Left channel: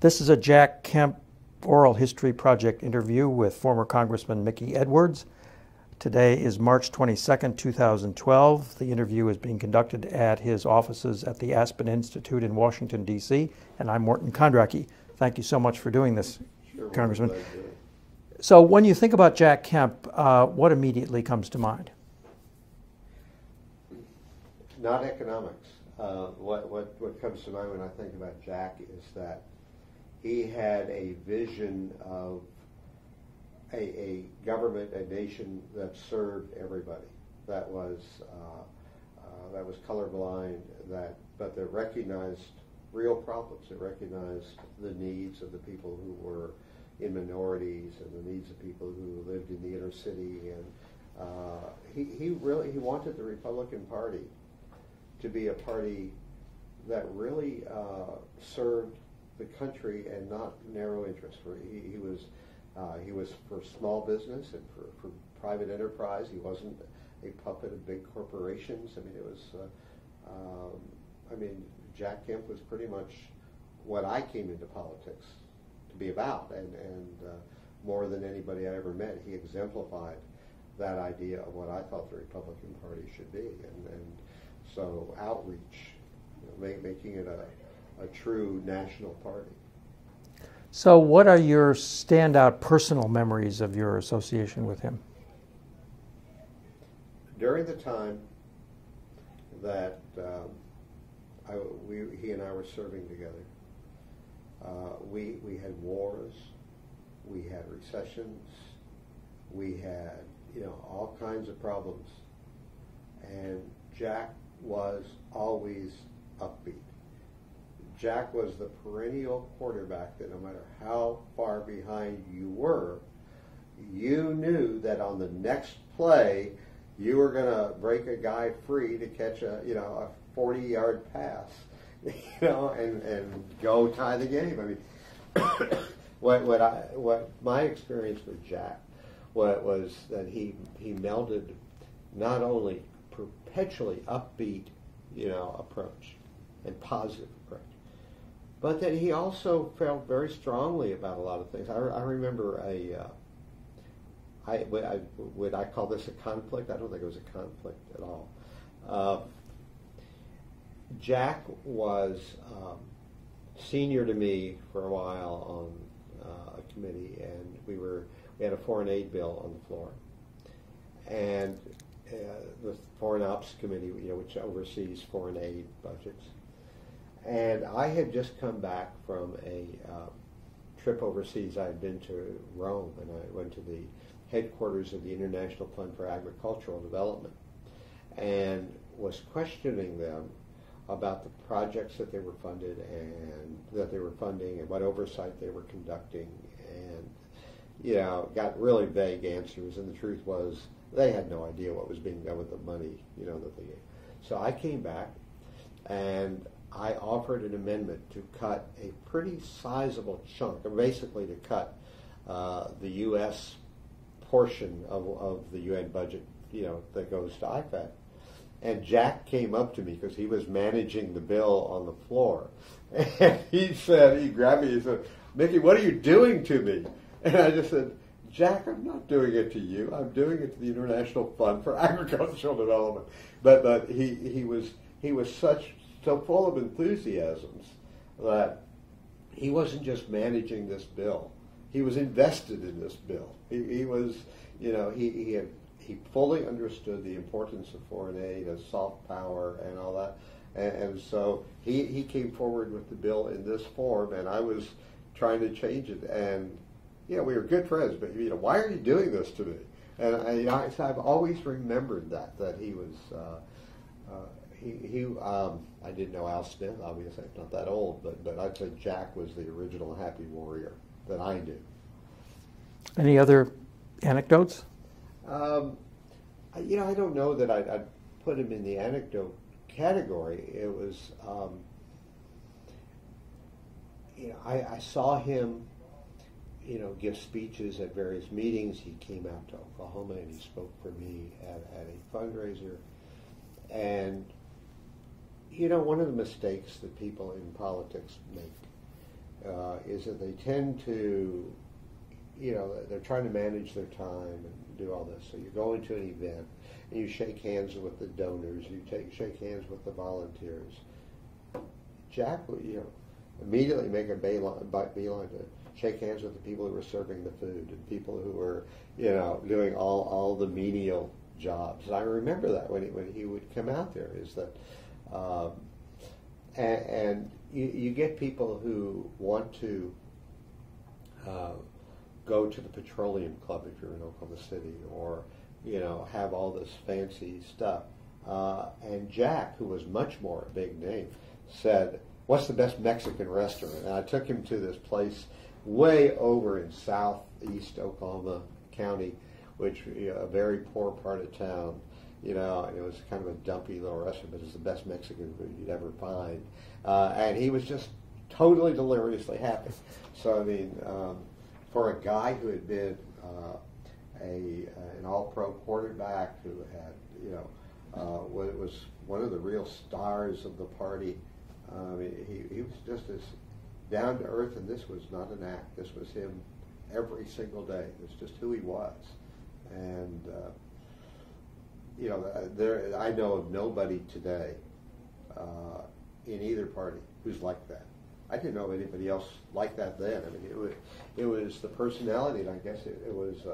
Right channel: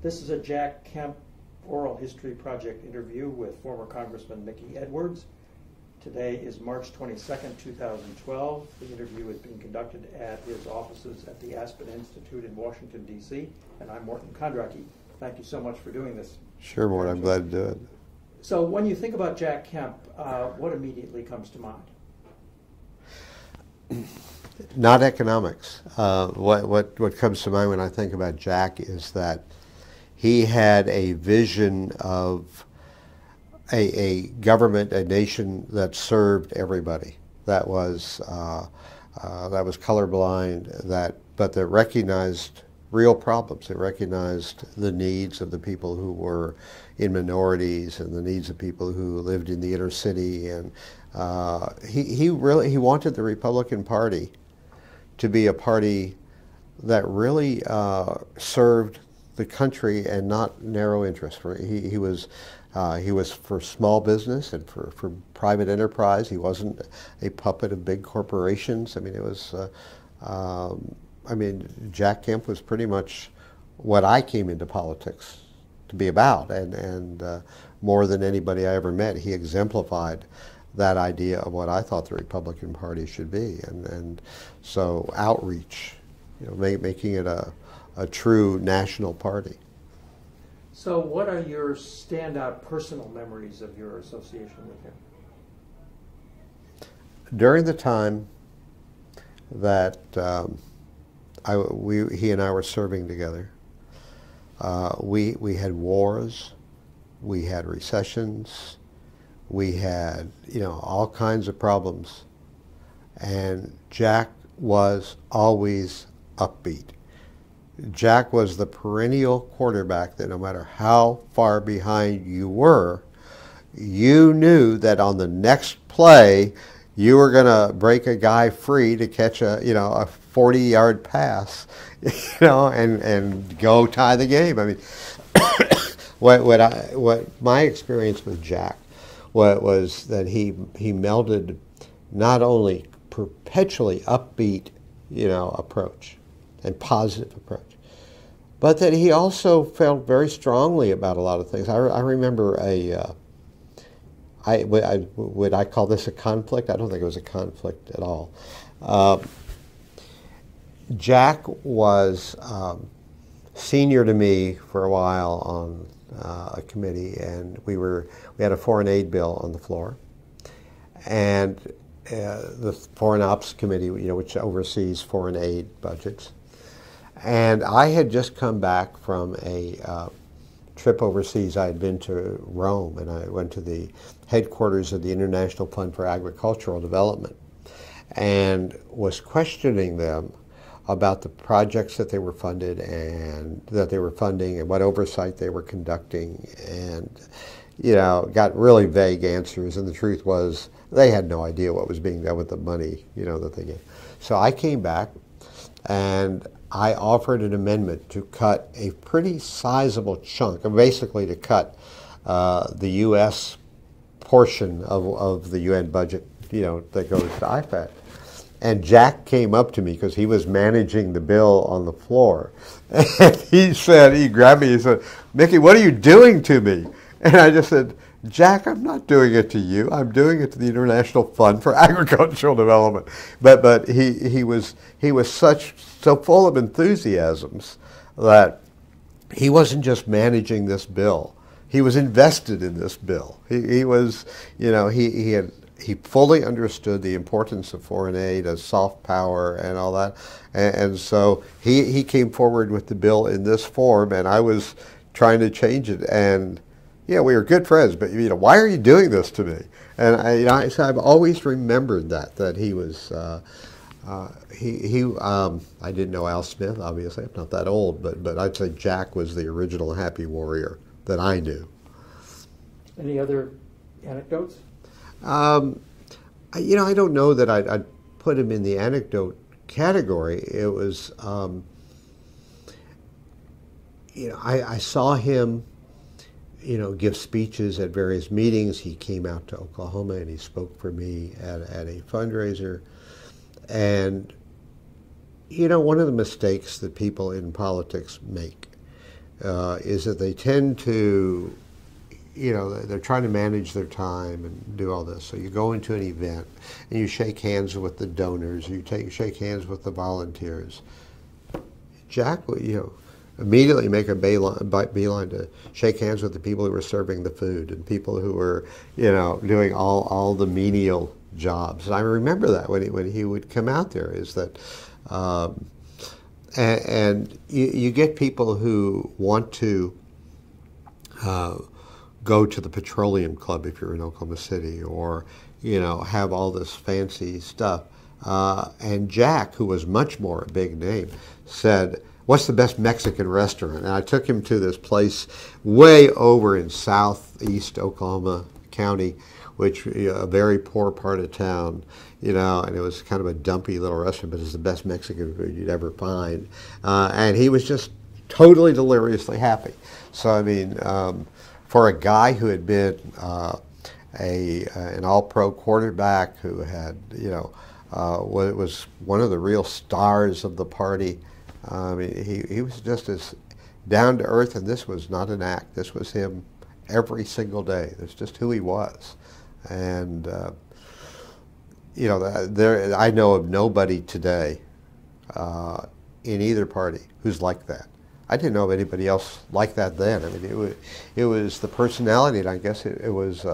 This is a Jack Kemp Oral History Project interview with former Congressman Mickey Edwards. Today is March 22nd, 2012. The interview is being conducted at his offices at the Aspen Institute in Washington, D.C., and I'm Morton Kondracki. Thank you so much for doing this. Sure, Morton, I'm glad to do it. So when you think about Jack Kemp, what immediately comes to mind? Not economics. What comes to mind when I think about Jack is that he had a vision of a government, a nation that served everybody, that was colorblind, but that recognized real problems. It recognized the needs of the people who were in minorities and the needs of people who lived in the inner city. And he wanted the Republican Party to be a party that really served the country and not narrow interests. He was for small business and for private enterprise. He wasn't a puppet of big corporations. I mean, it was. Jack Kemp was pretty much what I came into politics to be about, and more than anybody I ever met, he exemplified that idea of what I thought the Republican Party should be, and so outreach, making it a true national party. So what are your standout personal memories of your association with him? During the time that he and I were serving together, we had wars, we had recessions, we had all kinds of problems, and Jack was always upbeat. Jack was the perennial quarterback that no matter how far behind you were, you knew that on the next play you were going to break a guy free to catch a 40-yard pass, and go tie the game. I mean, what my experience with Jack was that he melded not only perpetually upbeat, approach and positive approach, but that he also felt very strongly about a lot of things. I remember would I call this a conflict? I don't think it was a conflict at all. Jack was senior to me for a while on a committee, and we had a foreign aid bill on the floor, and the Foreign Ops Committee, which oversees foreign aid budgets. And I had just come back from a trip overseas. I had been to Rome, and I went to the headquarters of the International Fund for Agricultural Development and was questioning them about the projects that they were funded and that they were funding and what oversight they were conducting, and got really vague answers, and the truth was they had no idea what was being done with the money that they gave. So I came back and I offered an amendment to cut a pretty sizable chunk, basically to cut the U.S. portion of the UN budget, that goes to IFAD. And Jack came up to me because he was managing the bill on the floor. And he grabbed me, he said, "Mickey, what are you doing to me?" And I just said, "Jack, I'm not doing it to you. I'm doing it to the International Fund for Agricultural Development." But he was so full of enthusiasms that he wasn't just managing this bill. He was invested in this bill. He fully understood the importance of foreign aid as soft power and all that, and so he came forward with the bill in this form, and I was trying to change it. And we were good friends, but why are you doing this to me? And so I've always remembered that he was. I didn't know Al Smith, obviously. I'm not that old, but I'd say Jack was the original happy warrior that I knew. Any other anecdotes? I don't know that I'd put him in the anecdote category. It was, I saw him, give speeches at various meetings. He came out to Oklahoma and he spoke for me at a fundraiser. And, one of the mistakes that people in politics make is that they tend to, they're trying to manage their time and do all this. So you go into an event and you shake hands with the donors, shake hands with the volunteers. Jack would, immediately make a beeline to shake hands with the people who were serving the food and people who were, doing all the menial jobs. And I remember that when he would come out there, is that, and you get people who want to go to the petroleum club if you're in Oklahoma City, or have all this fancy stuff. And Jack, who was much more a big name, said, "What's the best Mexican restaurant?" And I took him to this place way over in southeast Oklahoma County, which a very poor part of town, and it was kind of a dumpy little restaurant, but it's the best Mexican food you'd ever find. And he was just totally deliriously happy. So I mean, for a guy who had been an all-pro quarterback, who had was one of the real stars of the party. I mean, he was just as down to earth, and this was not an act. This was him every single day. That's just who he was. And I know of nobody today in either party who's like that. I didn't know of anybody else like that then. I mean, it was the personality, and I guess it was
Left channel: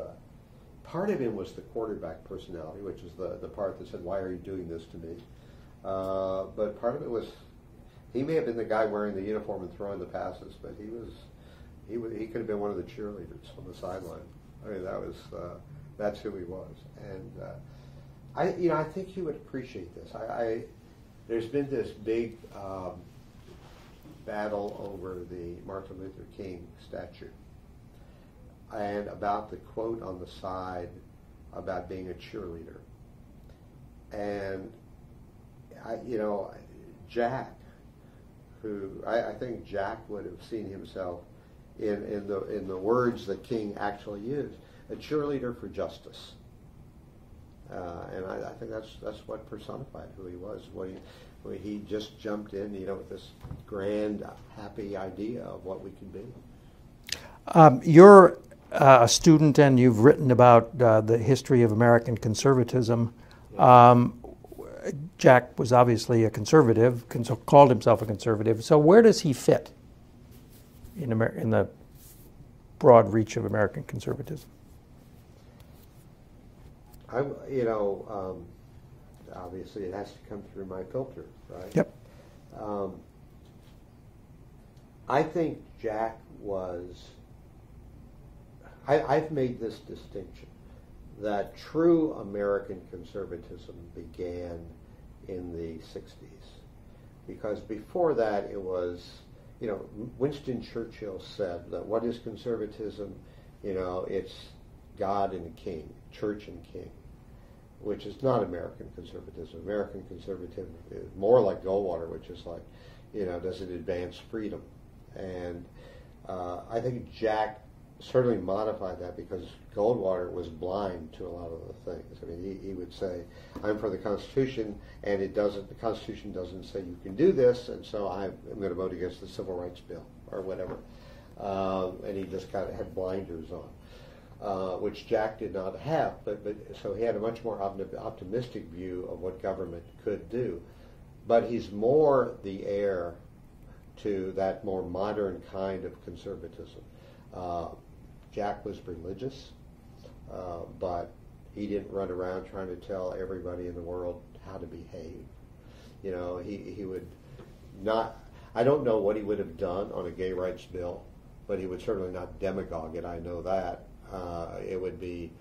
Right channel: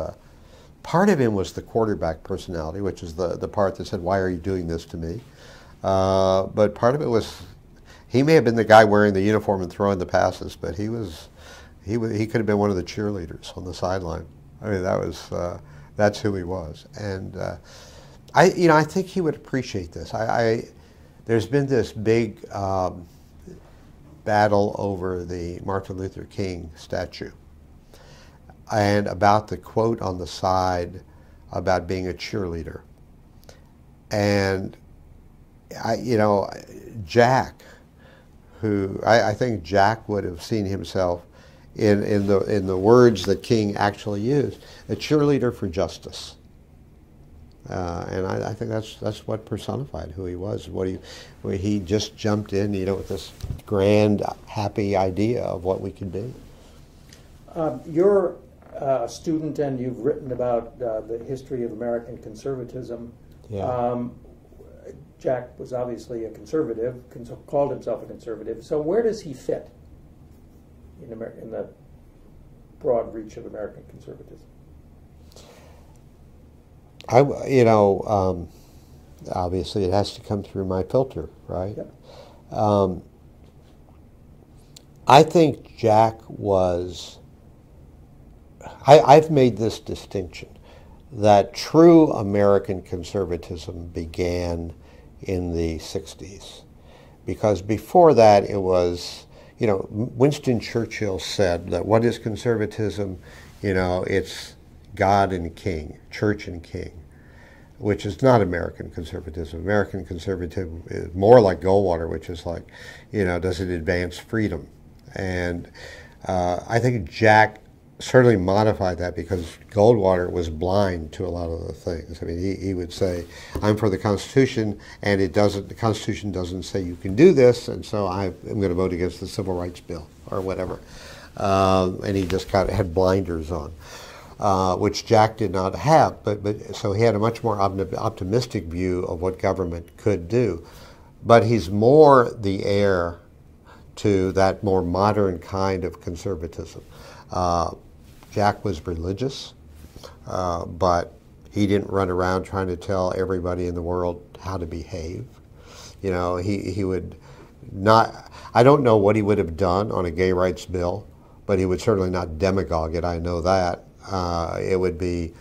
part of him was the quarterback personality, which is the part that said, "Why are you doing this to me?" But part of it was, he may have been the guy wearing the uniform and throwing the passes, but he could have been one of the cheerleaders on the sideline. I mean, that's who he was. And I think he would appreciate this. There's been this big battle over the Martin Luther King statue, and about the quote on the side about being a cheerleader. And Jack, who I think Jack would have seen himself in the words that King actually used, a cheerleader for justice. And I think that's what personified who he was. Where he just jumped in, with this grand, happy idea of what we could be. You're a student, and you've written about the history of American conservatism. Yeah. Jack was obviously a conservative, called himself a conservative. So where does he fit in the broad reach of American conservatism? Obviously it has to come through my filter, right? Yep. I think Jack was, I've made this distinction, that true American conservatism began in the 60s. Because before that it was, Winston Churchill said that what is conservatism? It's God and King, Church and King, which is not American conservatism. American conservatism is more like Goldwater, which is like, does it advance freedom? And I think Jack certainly modified that, because Goldwater was blind to a lot of the things. I mean, he would say, "I'm for the Constitution, and the Constitution doesn't say you can do this, and so I'm going to vote against the Civil Rights Bill," or whatever. And he just kind of had blinders on, which Jack did not have. But so he had a much more optimistic view of what government could do. But he's more the heir to that more modern kind of conservatism. Jack was religious, but he didn't run around trying to tell everybody in the world how to behave. He would not, I don't know what he would have done on a gay rights bill, but he would certainly not demagogue it, I know that. It would be,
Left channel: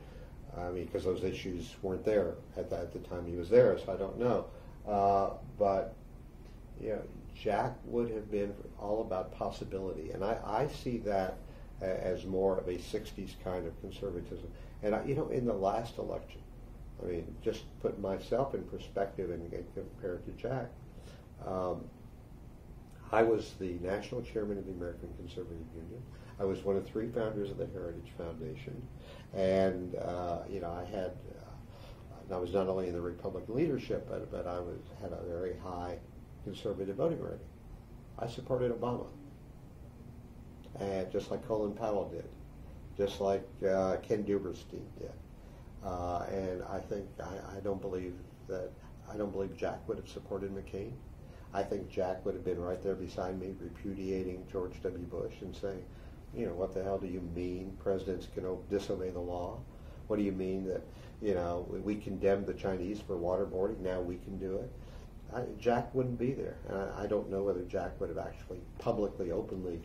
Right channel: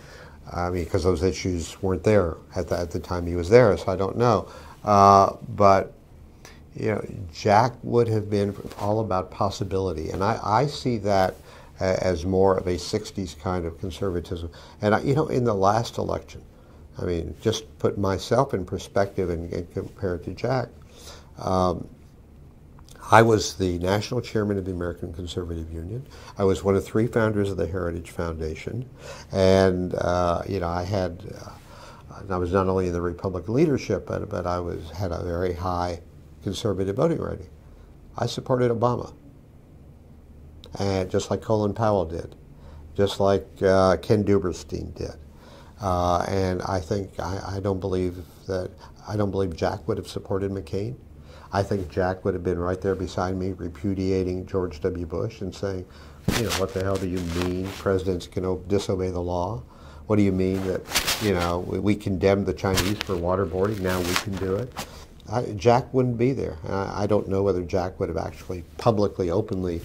because those issues weren't there at the time he was there, so I don't know. But Jack would have been all about possibility, and I see that as more of a 60s kind of conservatism. And in the last election, just put myself in perspective and compare it to Jack. I was the national chairman of the American Conservative Union. I was one of 3 founders of the Heritage Foundation, and I was not only in the Republican leadership, but I had a very high conservative voting rating. I supported Obama. and just like Colin Powell did, just like Ken Duberstein did. And I think I don't believe Jack would have supported McCain. I think Jack would have been right there beside me repudiating George W. Bush and saying, you know, what the hell do you mean presidents can disobey the law? What do you mean that, you know, we condemned the Chinese for waterboarding, now we can do it? Jack wouldn't be there. I don't know whether Jack would have actually publicly, openly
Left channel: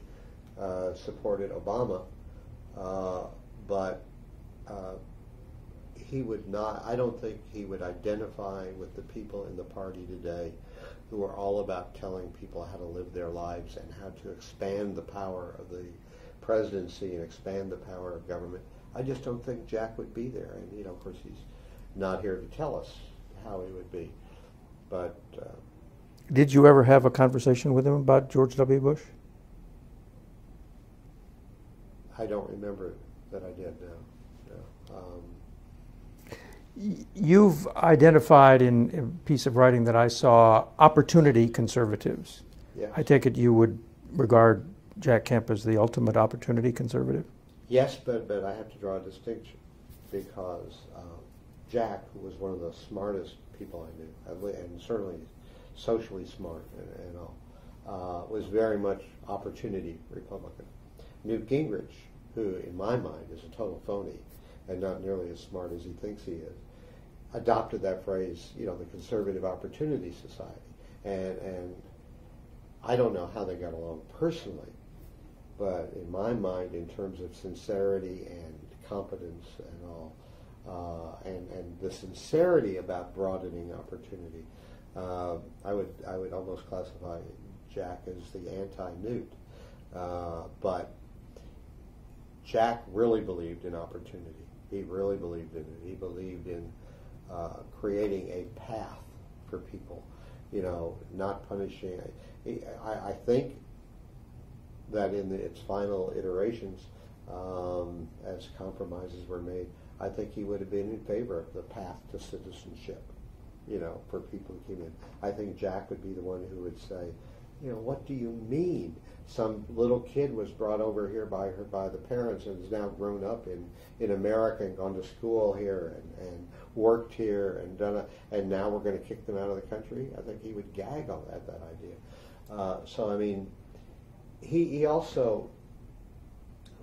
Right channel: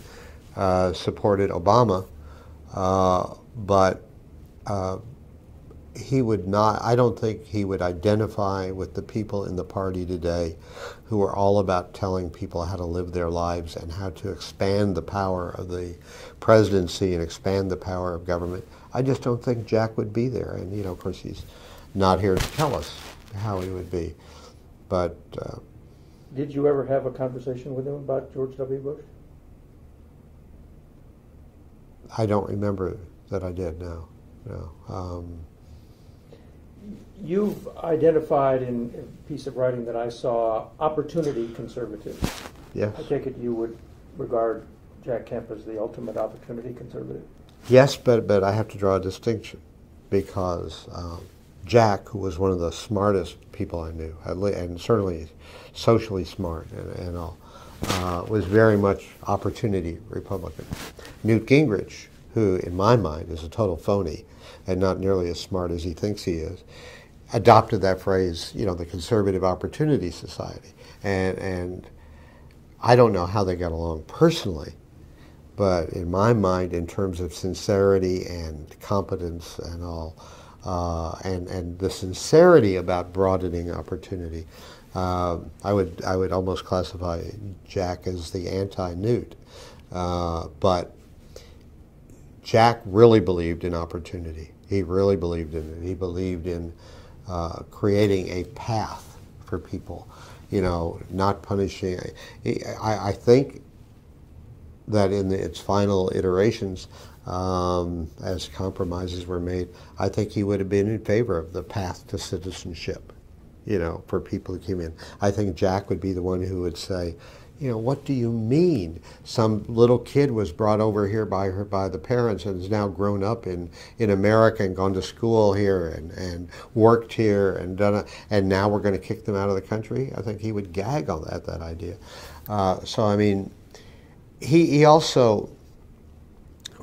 supported Obama, but he would not, I don't think he would identify with the people in the party today who are all about telling people how to live their lives and how to expand the power of the presidency and expand the power of government. I just don't think Jack would be there. And, you know, of course, he's not here to tell us how he would be. But did you ever have a conversation with him about George W. Bush? I don't remember that I did, no. You've identified in a piece of writing that I saw opportunity conservatives. Yes. I take it you would regard Jack Kemp as the ultimate opportunity conservative? Yes, but I have to draw a distinction because Jack, who was one of the smartest people I knew, and certainly socially smart and all, was very much opportunity Republican. Newt Gingrich, who in my mind is a total phony and not nearly as smart as he thinks he is, adopted that phrase, you know, the Conservative Opportunity Society. And I don't know how they got along personally, but in my mind, in terms of sincerity and competence and all, and the sincerity about broadening opportunity, I would almost classify Jack as the anti-Newt. But Jack really believed in opportunity. He really believed in it. He believed in creating a path for people, you know, not punishing. I think that in its final iterations, as compromises were made, I think he would have been in favor of the path to citizenship, you know, for people who came in. I think Jack would be the one who would say, you know, what do you mean? Some little kid was brought over here by the parents and is now grown up in America and gone to school here and worked here and done it, and now we're going to kick them out of the country? I think he would gag on that idea. So I mean, he also,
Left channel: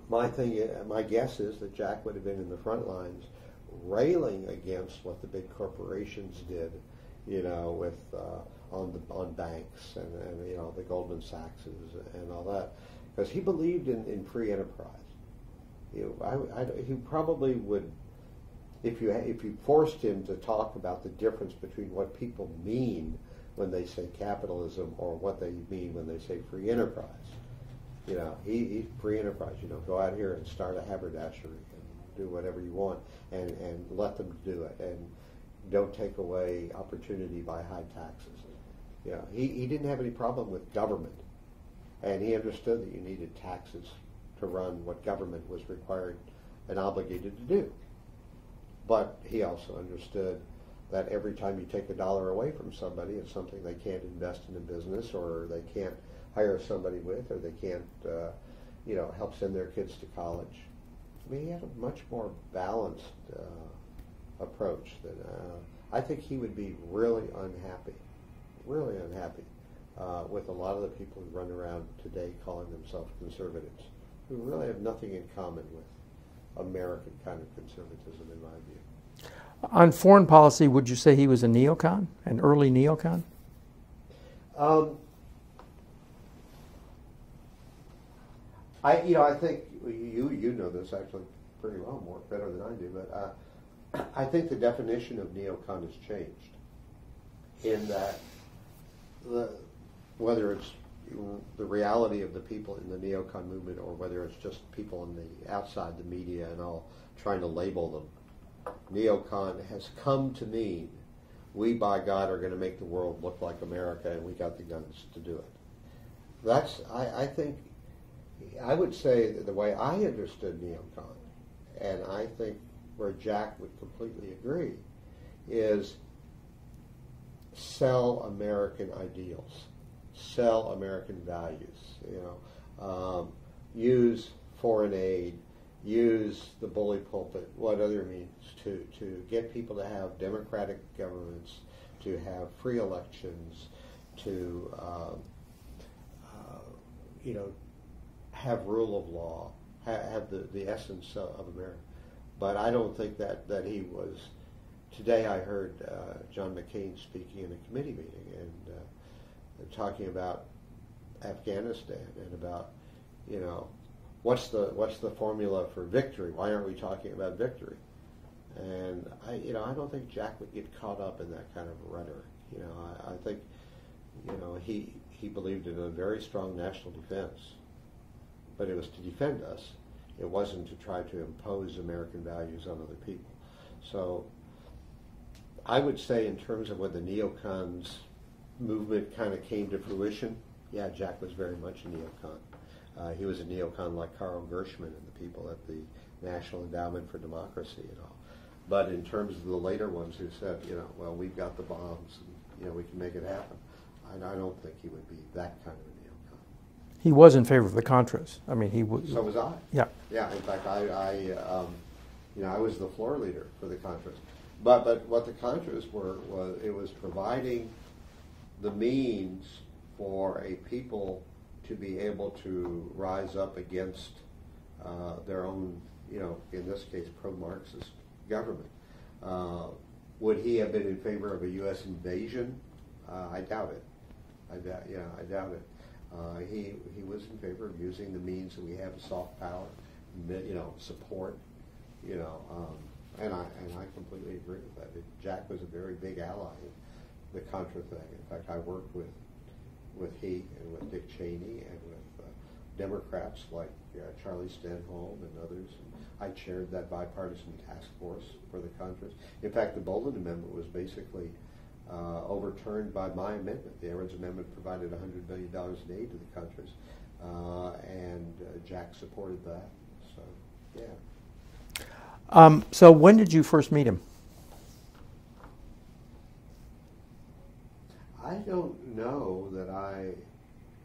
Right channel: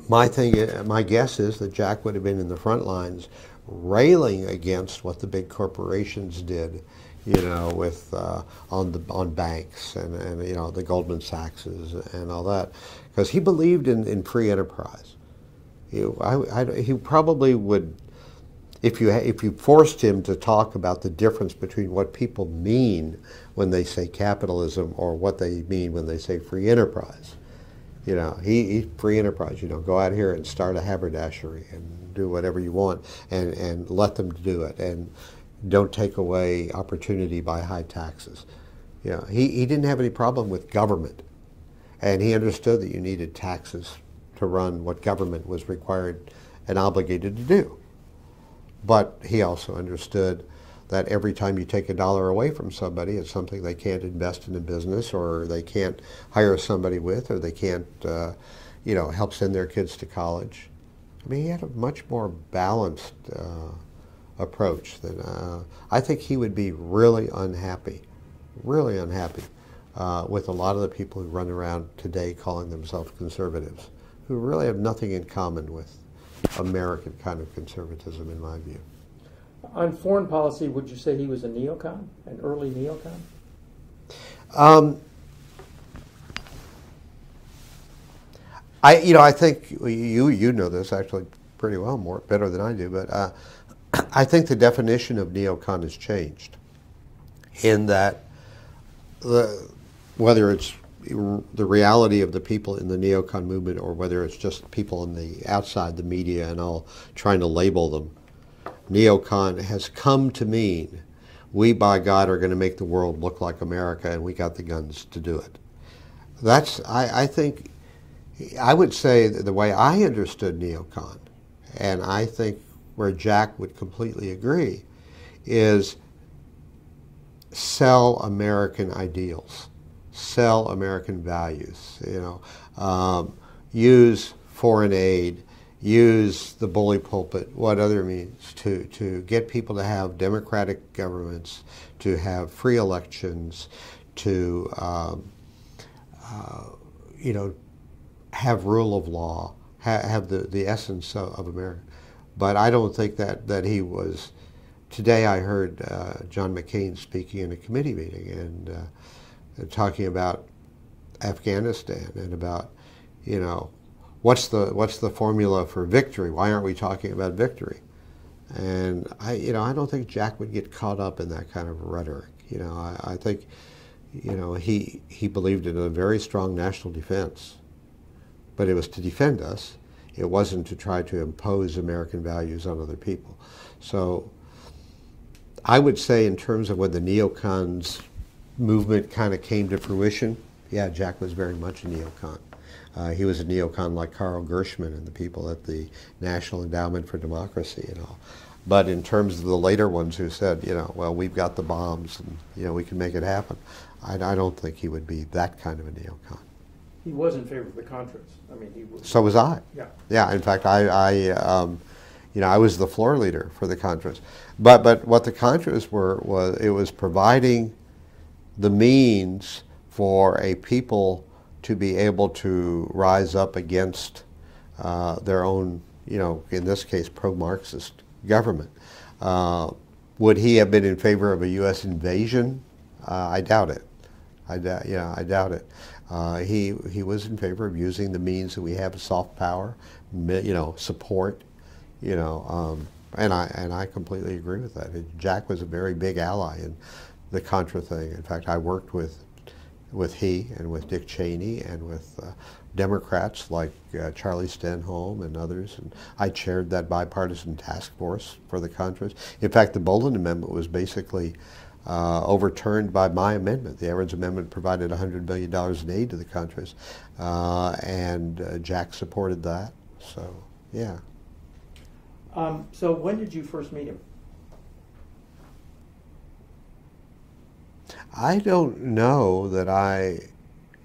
my guess is that Jack would have been in the front lines railing against what the big corporations did, you know, with on banks and you know, the Goldman Sachs's and all that, because he believed in free enterprise. He probably would, if you forced him to talk about the difference between what people mean when they say capitalism or what they mean when they say free enterprise. You know, he free enterprise. You know, go out here and start a haberdashery and do whatever you want, and let them do it, and don't take away opportunity by high taxes. You know, he didn't have any problem with government, and he understood that you needed taxes to run what government was required and obligated to do. But he also understood that every time you take $1 away from somebody, it's something they can't invest in a business, or they can't hire somebody with, or they can't, you know, help send their kids to college. I mean, he had a much more balanced approach than I think he would be really unhappy with a lot of the people who run around today calling themselves conservatives, who really have nothing in common with American kind of conservatism, in my view. On foreign policy, would you say he was a neocon, an early neocon? I think you know this actually pretty well, better than I do, but I think the definition of neocon has changed, in that whether it's the reality of the people in the neocon movement or whether it's just people on the outside, the media and all, trying to label them, neocon has come to mean we, by God, are going to make the world look like America, and we got the guns to do it. That's, I think, I would say that the way I understood neocon, and I think where Jack would completely agree, is sell American ideals, sell American values, you know, use foreign aid, use the bully pulpit, what other means, to get people to have democratic governments, to have free elections, to you know, have rule of law, have the essence of America. But I don't think that he was. Today I heard John McCain speaking in a committee meeting and talking about Afghanistan and about, you know, what's the formula for victory? Why aren't we talking about victory? And I don't think Jack would get caught up in that kind of rhetoric. You know, I think, you know, he believed in a very strong national defense, but it was to defend us. It wasn't to try to impose American values on other people. So I would say, in terms of when the neocons movement kind of came to fruition, yeah, Jack was very much a neocon. He was a neocon like Carl Gershman and the people at the National Endowment for Democracy and all. But in terms of the later ones who said, you know, well, we've got the bombs and, you know, we can make it happen, I don't think he would be that kind of a neocon. He was in favor of the Contras. I mean, he was. So was I. Yeah. Yeah. In fact, you know, I was the floor leader for the Contras. But what the Contras was it was providing the means for a people to be able to rise up against their own, you know, in this case, pro-Marxist government. Would he have been in favor of a U.S. invasion? I doubt it. I doubt it. He was in favor of using the means that we have of soft power, you know, support, you know, and I completely agree with that. Jack was a very big ally in the Contra thing. In fact, I worked with he and with Dick Cheney and with Democrats like Charlie Stenholm and others, and I chaired that bipartisan task force for the Contras. In fact, the Bolin Amendment was basically overturned by my amendment. The Edwards Amendment provided $100 million in aid to the Contras, and Jack supported that. So, yeah. So when did you first meet him? I don't know that I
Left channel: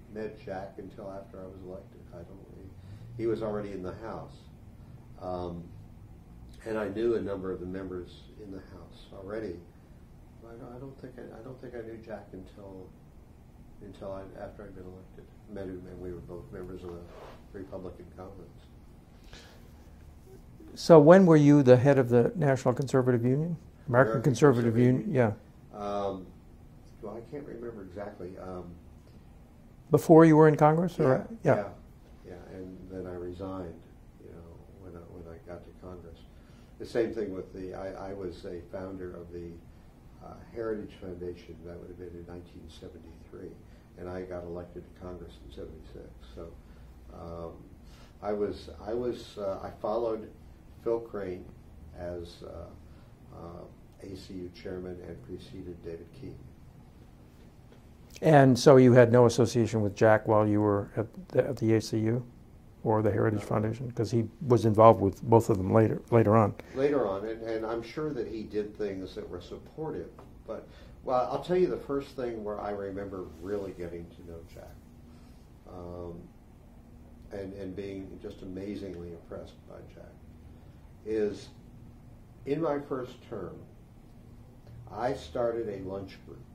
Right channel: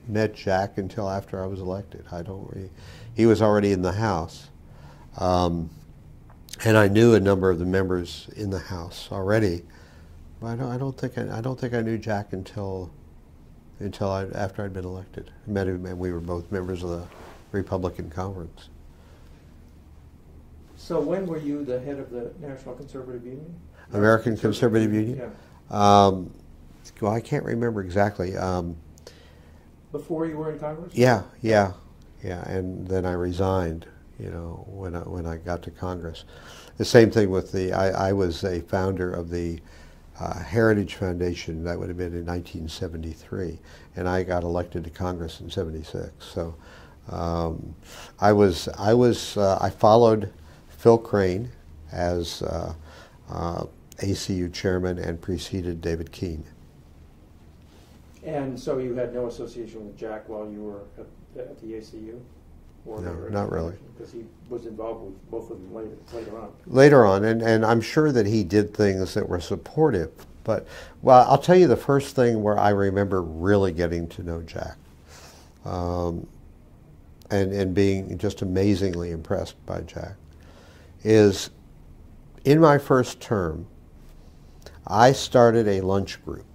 met Jack until after I was elected. He was already in the House, and I knew a number of the members in the House already. But I don't think I knew Jack until after I'd been elected. I met him, and we were both members of the Republican Conference. So when were you the head of the National Conservative Union? American Conservative Union? Yeah. Well, I can't remember exactly. Before you were in Congress? Yeah. And then I resigned, you know, when I got to Congress. The same thing with I was a founder of the Heritage Foundation. That would have been in 1973, and I got elected to Congress in '76. So I followed Phil Crane as ACU chairman and preceded David Keene. And so you had no association with Jack while you were at the ACU or the Heritage Foundation? Because he was involved with both of them later on. Later on, and I'm sure that he did things that were supportive. But, well, I'll tell you the first thing where I remember really getting to know Jack and being just amazingly impressed by Jack is in my first term, I started a lunch group.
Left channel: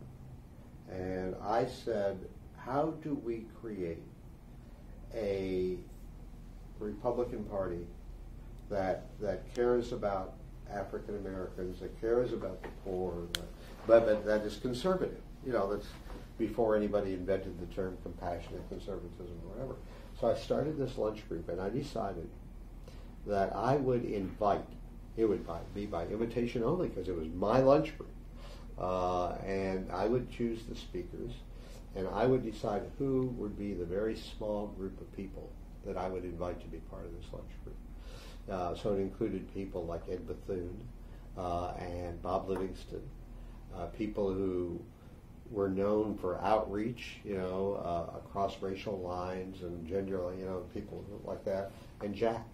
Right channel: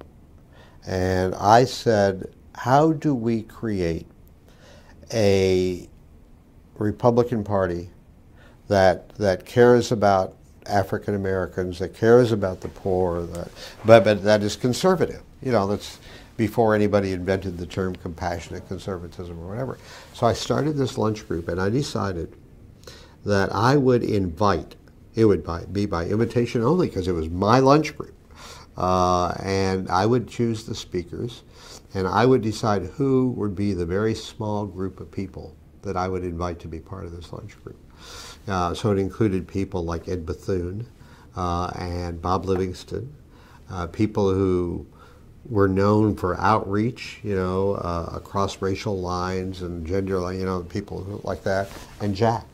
And I said, how do we create a Republican Party that cares about African Americans, that cares about the poor, but that is conservative? You know, that's before anybody invented the term compassionate conservatism or whatever. So I started this lunch group, and I decided that I would invite, it would be by invitation only because it was my lunch group. And I would choose the speakers, and I would decide who would be the very small group of people that I would invite to be part of this lunch group. So it included people like Ed Bethune and Bob Livingston, people who were known for outreach, you know, across racial lines and gender, you know, people like that, and Jack.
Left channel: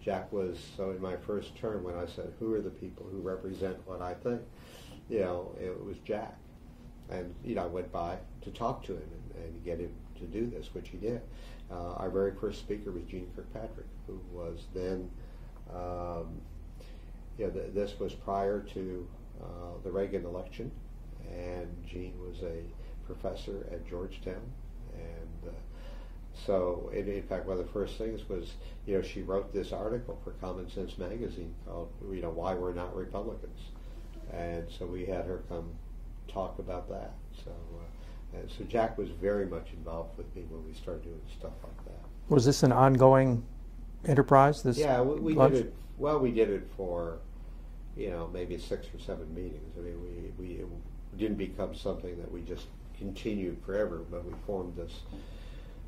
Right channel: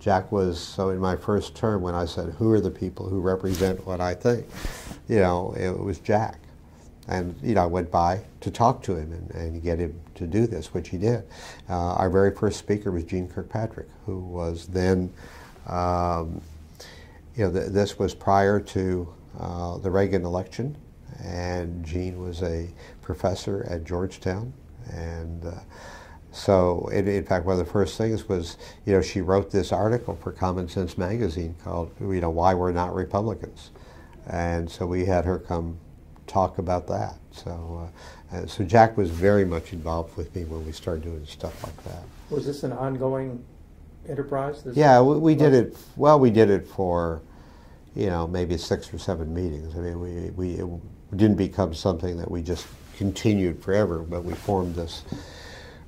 Jack was, so in my first term when I said, who are the people who represent what I think? You know, it was Jack. And, you know, I went by to talk to him and get him to do this, which he did. Our very first speaker was Gene Kirkpatrick, who was then, this was prior to the Reagan election, and Gene was a professor at Georgetown, and so in fact one of the first things was, she wrote this article for Common Sense magazine called, Why We're Not Republicans, and so we had her come talk about that. So Jack was very much involved with me when we started doing stuff like that. Was this an ongoing enterprise? Yeah, we did it. Well, we did it for, maybe 6 or 7 meetings. I mean, it didn't become something that we just continued forever, but we formed this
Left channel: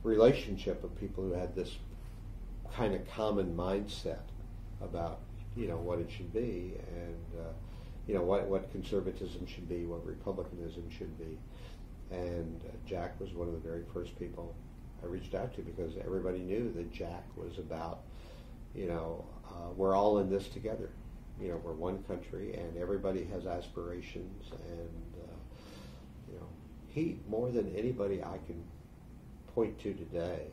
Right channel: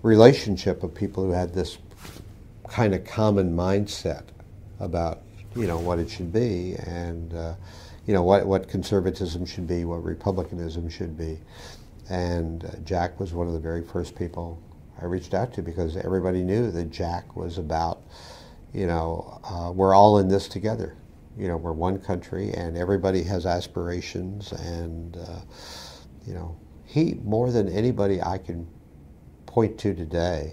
relationship of people who had this kind of common mindset about, what it should be, and what conservatism should be, what republicanism should be. And Jack was one of the very first people I reached out to, because everybody knew that Jack was about, we're all in this together. We're one country, and everybody has aspirations, and he, more than anybody I can point to today,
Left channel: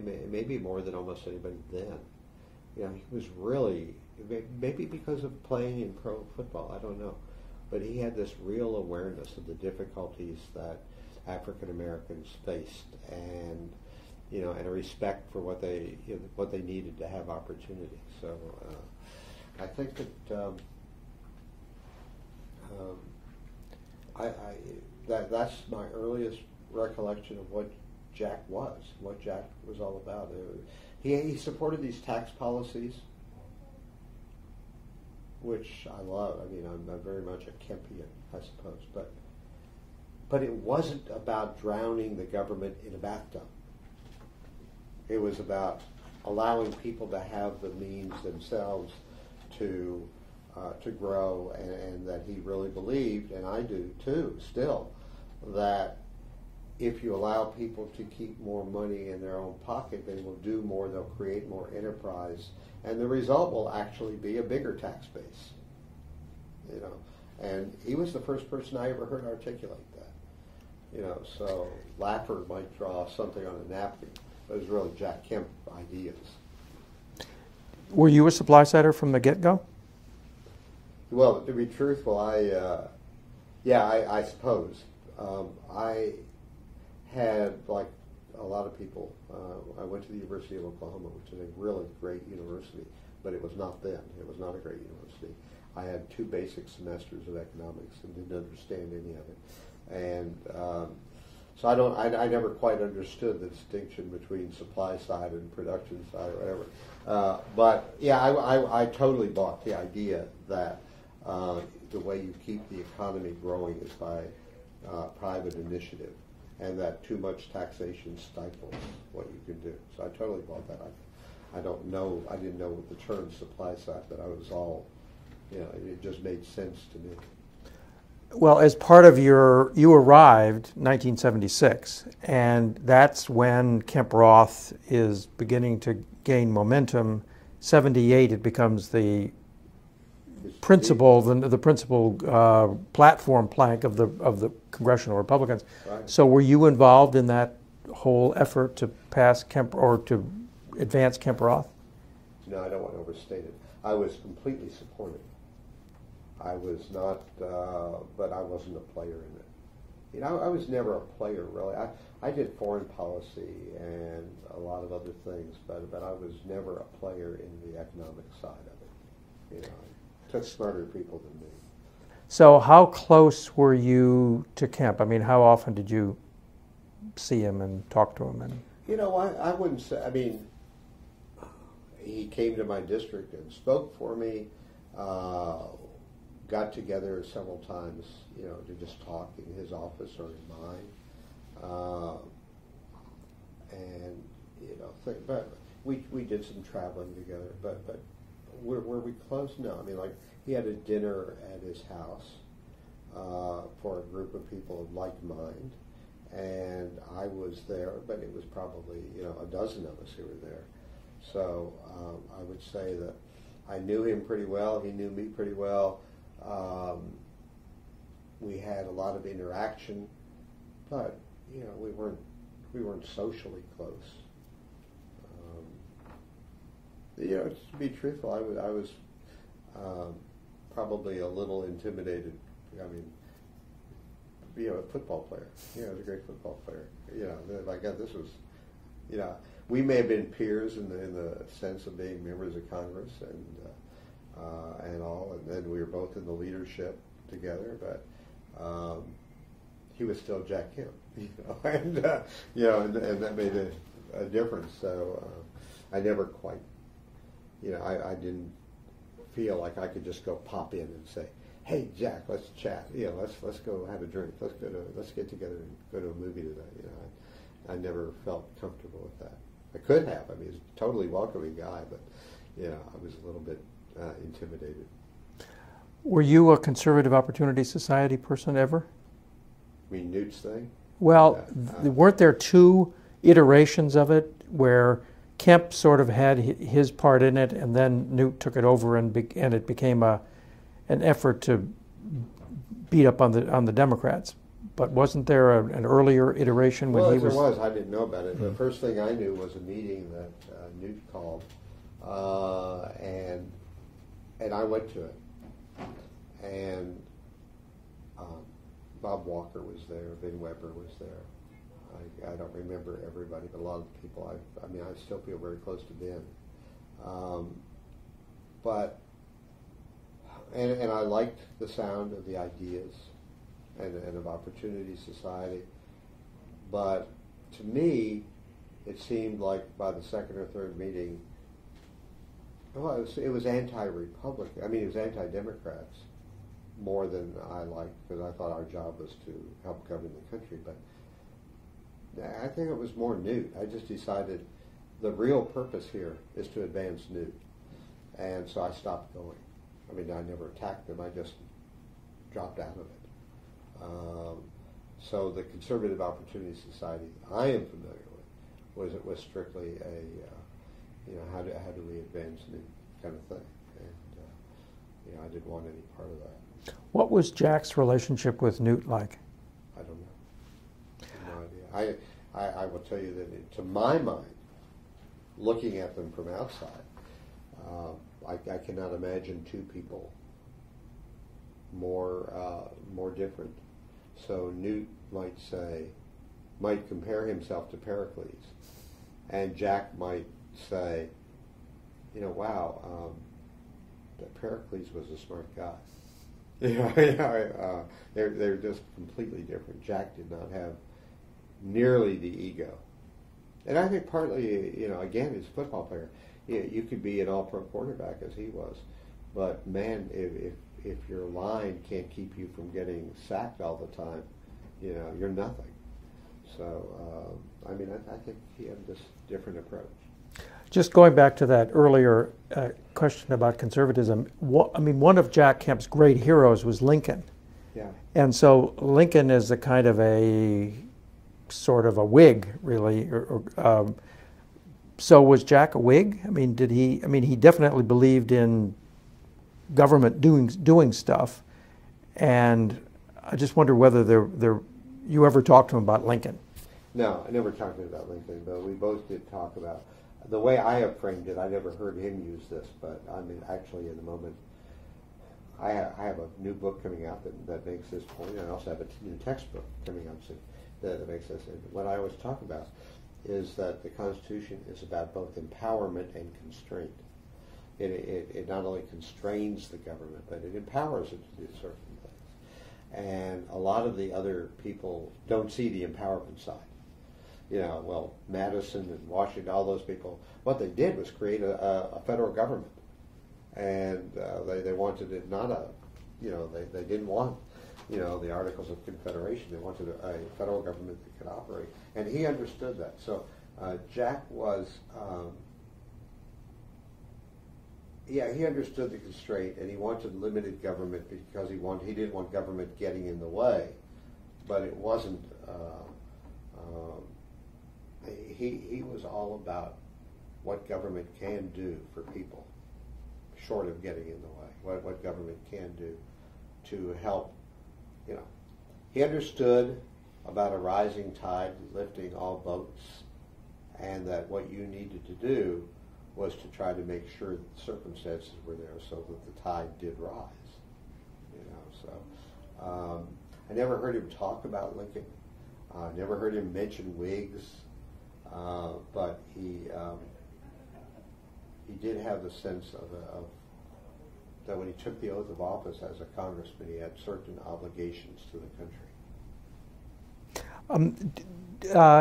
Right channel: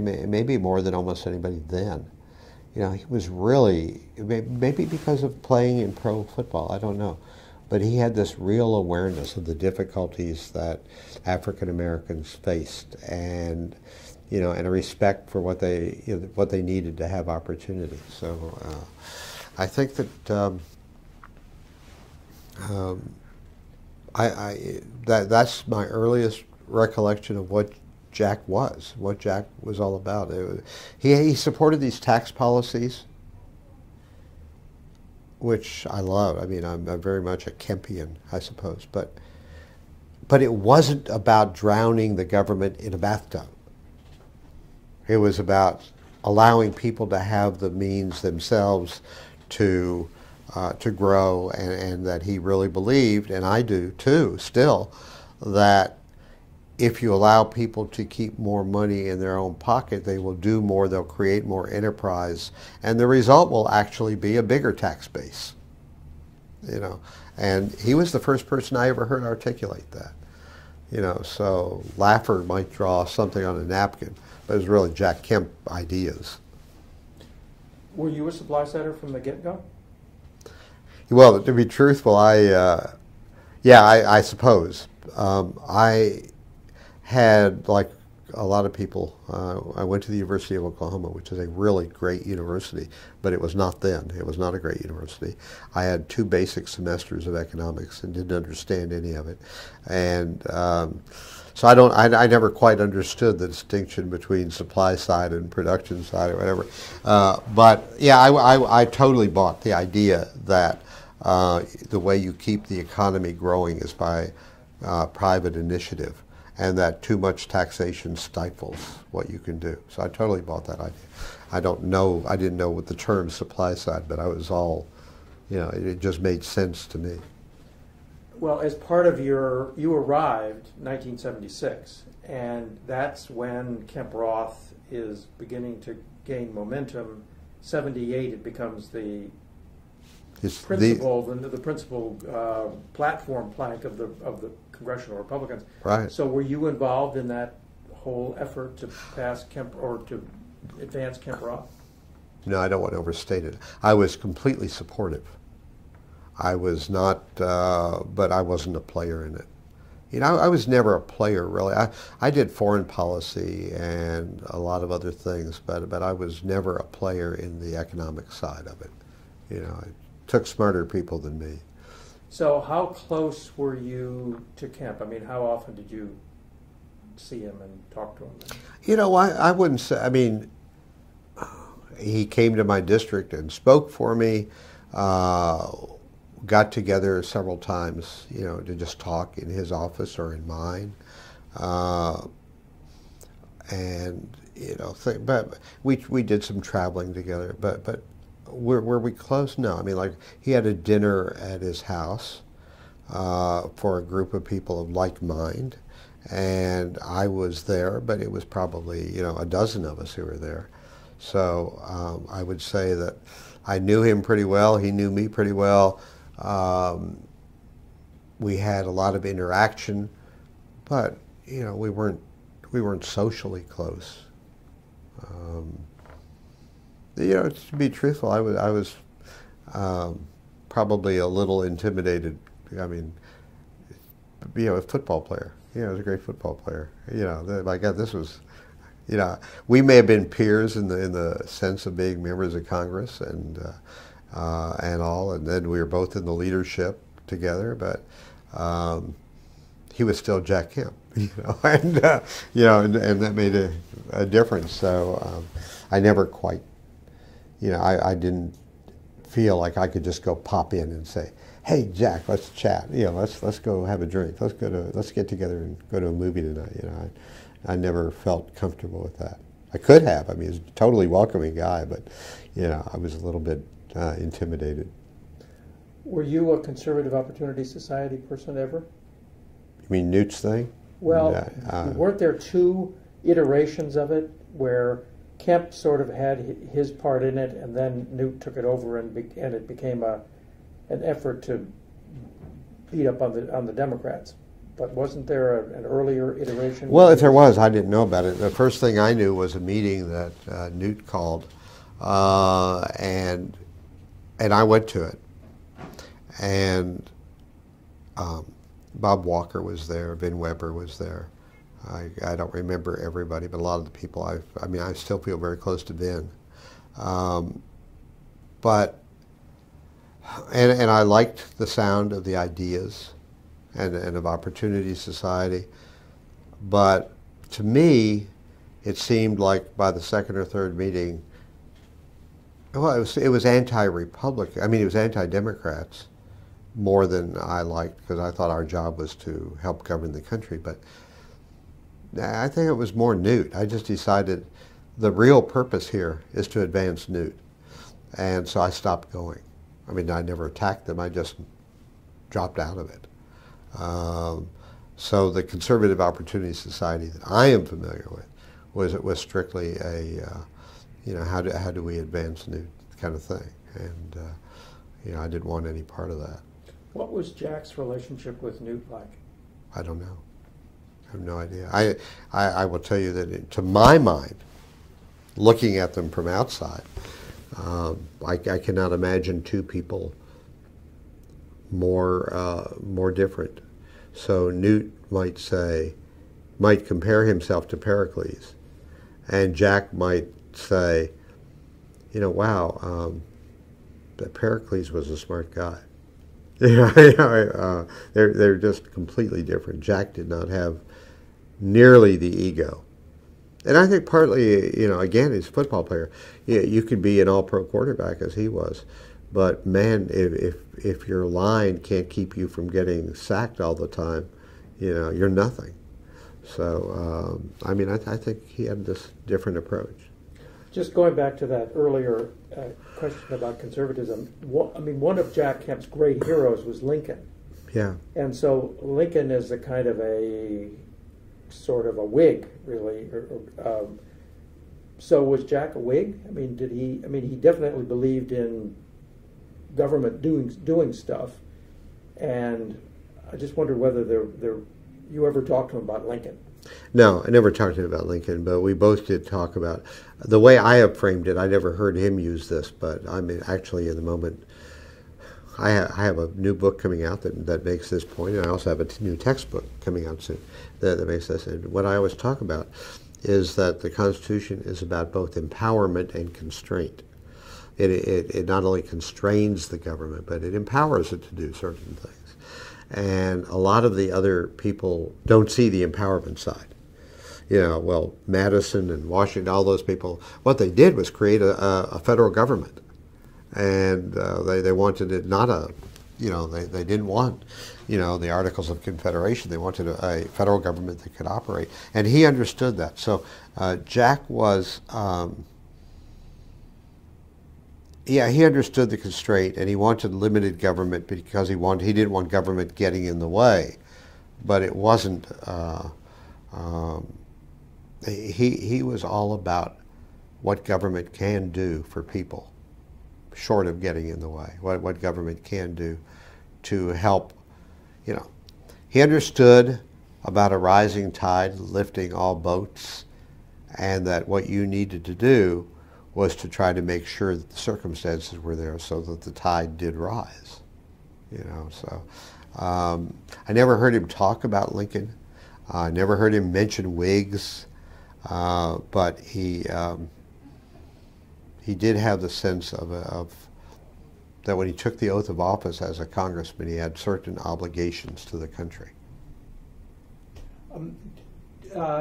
maybe more than almost anybody then, he was really, maybe because of playing in pro football, I don't know, but he had this real awareness of the difficulties that African Americans faced, and and a respect for what they needed to have opportunity. So I think that that's my earliest recollection of what Jack was all about. He supported these tax policies, which I love. I mean, I'm very much a Kempian, I suppose, but it wasn't about drowning the government in a bathtub. It was about allowing people to have the means themselves to grow, and that he really believed, and I do too still, that if you allow people to keep more money in their own pocket, they will do more, they'll create more enterprise, and the result will actually be a bigger tax base. And he was the first person I ever heard articulate that. So Laffer might draw something on a napkin, but it was really Jack Kemp ideas. Were you a supply sider from the get-go? Well, to be truthful, I suppose. I had, like a lot of people, I went to the University of Oklahoma, which is a really great university, but it was not then. It was not a great university. I had 2 basic semesters of economics and didn't understand any of it. And so I never quite understood the distinction between supply side and production side or whatever. But yeah, I totally bought the idea that the way you keep the economy growing is by private initiative, and that too much taxation stifles what you can do. So I totally bought that idea. I didn't know what the term supply side, but I was all, it just made sense to me. Well, as part of you arrived 1976, and that's when Kemp Roth is beginning to gain momentum. 78, it becomes the principal platform plank of the congressional Republicans. Right. So were you involved in that whole effort to pass Kemp, or to advance Kemp Roth? No, I don't want to overstate it. I was completely supportive. I was not, but I wasn't a player in it. I was never a player, really. I did foreign policy and a lot of other things, but I was never a player in the economic side of it. It took smarter people than me. So how close were you to Kemp? I mean, how often did you see him and talk to him? I wouldn't say, I mean, he came to my district and spoke for me, got together several times, to just talk in his office or in mine. But we did some traveling together, but were we close? No. I mean, like, he had a dinner at his house for a group of people of like mind, and I was there, but it was probably, a dozen of us who were there. So I would say that I knew him pretty well. He knew me pretty well. We had a lot of interaction, but you know, we weren't socially close. You know, to be truthful, I was probably a little intimidated. I mean, you know, a football player. You know, he was a great football player. You know, my God, this was, you know, we may have been peers in the sense of being members of Congress and all, and then we were both in the leadership together. But he was still Jack Kemp, you know, and you know, and that made a difference. So I never quite, you know, I didn't feel like I could just go pop in and say, "Hey, Jack, let's chat. You know, let's go have a drink. Let's get together and go to a movie tonight." You know, I never felt comfortable with that. I could have. I mean, he's a totally welcoming guy, but you know, I was a little bit intimidated. Were you a Conservative Opportunity Society person ever? You mean Newt's thing? Well, weren't there two iterations of it where Kemp sort of had his part in it, and then Newt took it over, and it became an effort to beat up on the Democrats? But wasn't there an earlier iteration? Well, if there was, I didn't know about it. The first thing I knew was a meeting that Newt called, and I went to it. And Bob Walker was there, Vin Weber was there. I don't remember everybody, but a lot of the people, I mean, I still feel very close to Vin. And I liked the sound of the ideas and of Opportunity Society. But to me, it seemed like by the second or third meeting, well, it was anti-Republican. I mean, it was anti-Democrats more than I liked, because I thought our job was to help govern the country. But I think it was more Newt. I just decided the real purpose here is to advance Newt. And so I stopped going. I mean, I never attacked them. I just dropped out of it. So the Conservative Opportunity Society that I am familiar with was strictly a, you know, how do we advance Newt kind of thing. And, you know, I didn't want any part of that. What was Jack's relationship with Newt like? I don't know. I have no idea. I will tell you that, to my mind, looking at them from outside, I cannot imagine two people more different. So Newt might compare himself to Pericles, and Jack might say, you know, wow, Pericles was a smart guy. They're just completely different. Jack did not have nearly the ego. And I think partly, you know, again, he's a football player. Yeah, you could be an all-pro quarterback as he was, but man, if your line can't keep you from getting sacked all the time, you know, you're nothing. So, I mean, I think he had this different approach. Just going back to that earlier question about conservatism, I mean, one of Jack Kemp's great heroes was Lincoln. Yeah. And so Lincoln is a kind of a sort of a Whig, really. So was Jack a Whig? I mean, did he? I mean, he definitely believed in government doing stuff, and I just wonder whether you ever talked to him about Lincoln. No, I never talked to him about Lincoln, but we both did talk about the way I have framed it. I never heard him use this, but I mean, actually, in the moment, I have a new book coming out that makes this point, and I also have a new textbook coming out soon that makes this. And what I always talk about is that the Constitution is about both empowerment and constraint. It not only constrains the government, but it empowers it to do certain things. And a lot of the other people don't see the empowerment side. You know, well, Madison and Washington, all those people, what they did was create a federal government. And they wanted it not a, you know, they didn't want, you know, the Articles of Confederation. They wanted a federal government that could operate. And he understood that. So Jack was, yeah, he understood the constraint, and he wanted limited government because he didn't want government getting in the way. But it wasn't, he was all about what government can do for people, short of getting in the way, what government can do to help, you know. He understood about a rising tide lifting all boats, and that what you needed to do was to try to make sure that the circumstances were there so that the tide did rise. You know, so I never heard him talk about Lincoln. I never heard him mention Whigs, but he did have the sense of that when he took the oath of office as a congressman, he had certain obligations to the country.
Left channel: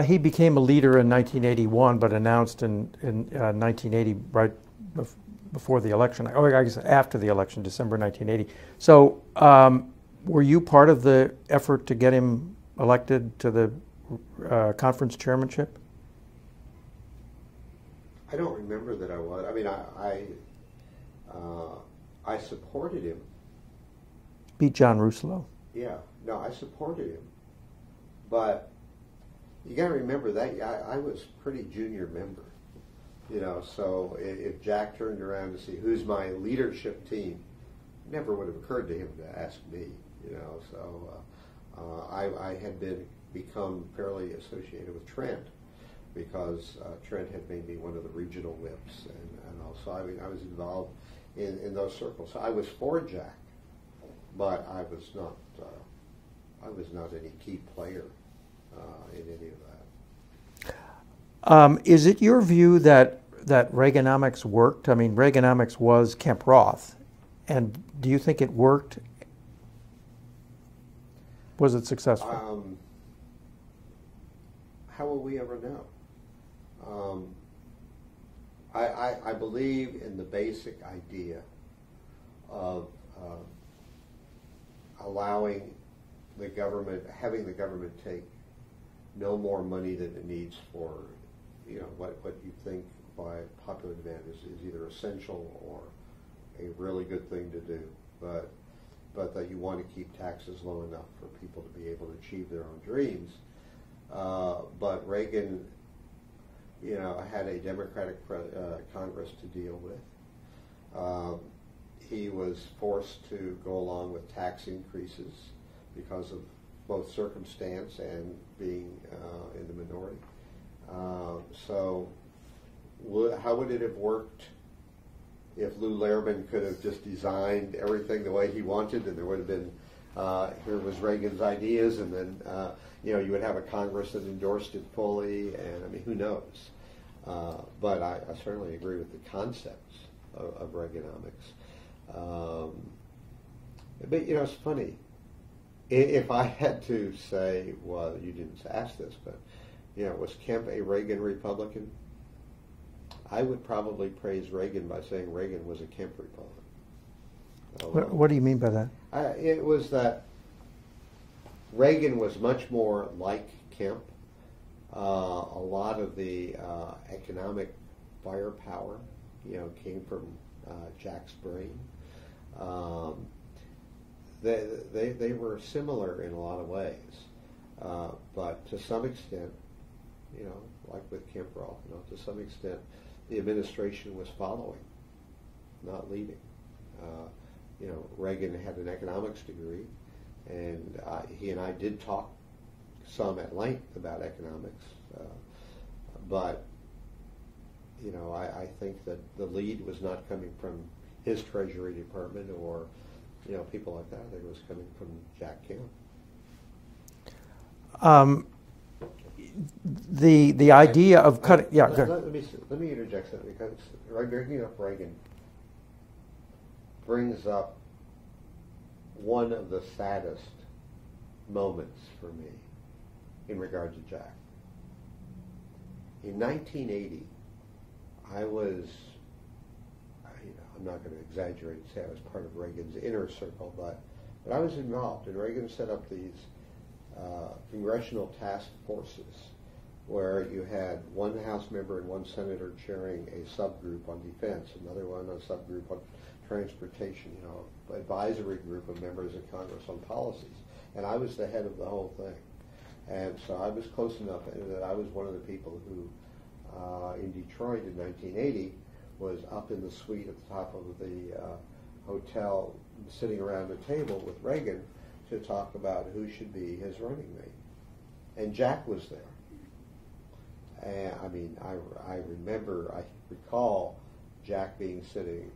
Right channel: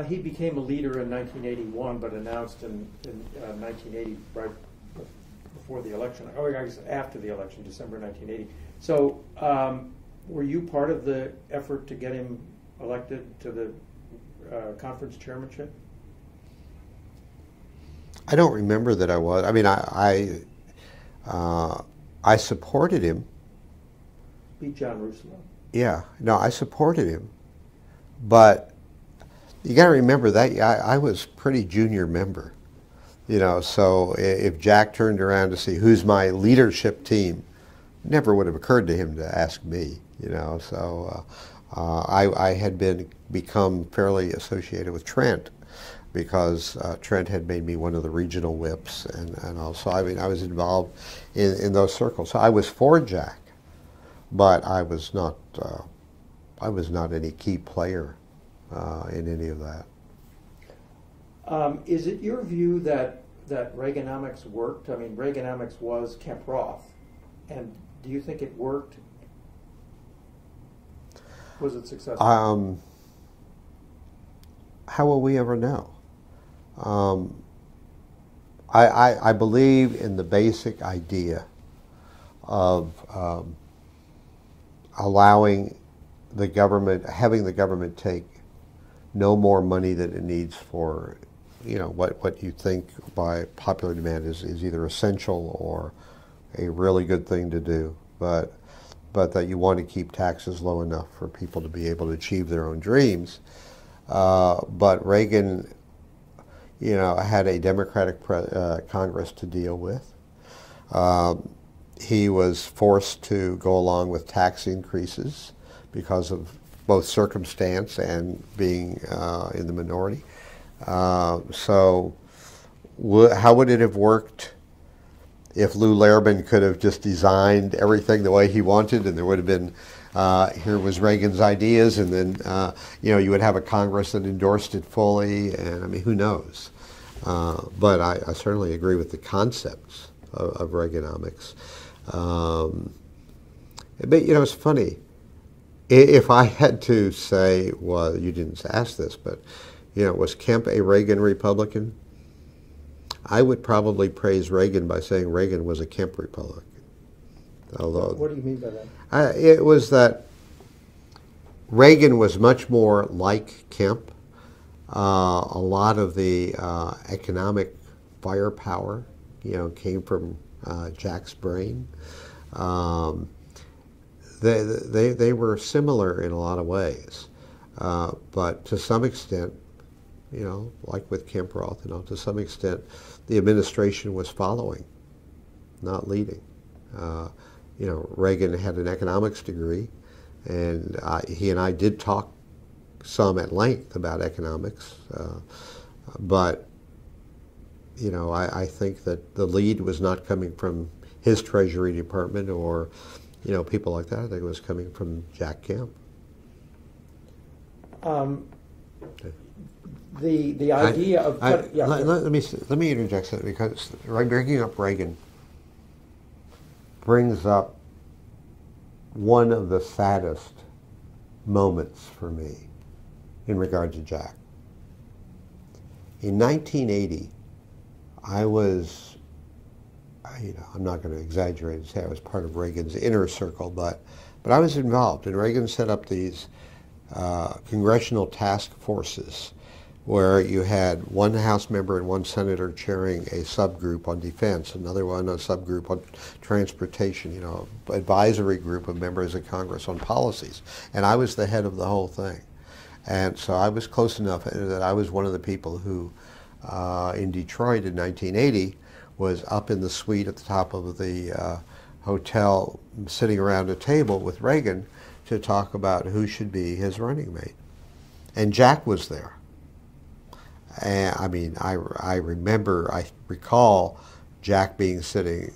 He became a leader in 1981, but announced in 1980, right before the election, or I guess after the election, December 1980. So were you part of the effort to get him elected to the conference chairmanship? I don't remember that I was. I mean, I supported him. Beat John Rousseau. Yeah, no, I supported him, but you got to remember that I was pretty junior member, you know. So if Jack turned around to see who's my leadership team, it never would have occurred to him to ask me, you know. So I had become fairly associated with Trent, because Trent had made me one of the regional whips, and also, I mean, I was involved in those circles. So I was for Jack, but I was not any key player in any of that. Is it your view that Reaganomics worked? I mean, Reaganomics was Kemp Roth, and do you think it worked? Was it successful? How will we ever know? I believe in the basic idea of allowing the government, having the government take no more money than it needs for, you know, what you think by popular demand is either essential or a really good thing to do, but that you want to keep taxes low enough for people to be able to achieve their own dreams. But Reagan, you know, had a Democratic Congress to deal with. He was forced to go along with tax increases because of both circumstance and being in the minority. So how would it have worked if Lou Larabin could have just designed everything the way he wanted, and there would have been, here was Reagan's ideas, and then you know, you would have a Congress that endorsed it fully, and I mean, who knows? But I certainly agree with the concepts of Reaganomics. But you know, it's funny. If I had to say, well, you didn't ask this, but you know, was Kemp a Reagan Republican? I would probably praise Reagan by saying Reagan was a Kemp Republican. Although, what do you mean by that? It was that Reagan was much more like Kemp. A lot of the economic firepower, you know, came from Jack's brain. They were similar in a lot of ways, but to some extent, you know, like with Kemp Roth, you know, to some extent, the administration was following, not leading. You know, Reagan had an economics degree, and he and I did talk some at length about economics, but you know, I think that the lead was not coming from his Treasury Department or, you know, people like that. I think it was coming from Jack Kemp. The idea of cutting, yeah. Let me interject something, because bringing up Reagan brings up one of the saddest moments for me in regard to Jack. In 1980, I was, you know, I'm not going to exaggerate and say I was part of Reagan's inner circle, but I was involved, and Reagan set up these congressional task forces where you had one House member and one senator chairing a subgroup on defense, another one a subgroup on transportation, you know, advisory group of members of Congress on policies. And I was the head of the whole thing. And so I was close enough that I was one of the people who, in Detroit in 1980, was up in the suite at the top of the hotel, sitting around a table with Reagan to talk about who should be his running mate. and Jack was there. And I mean, I recall Jack being sitting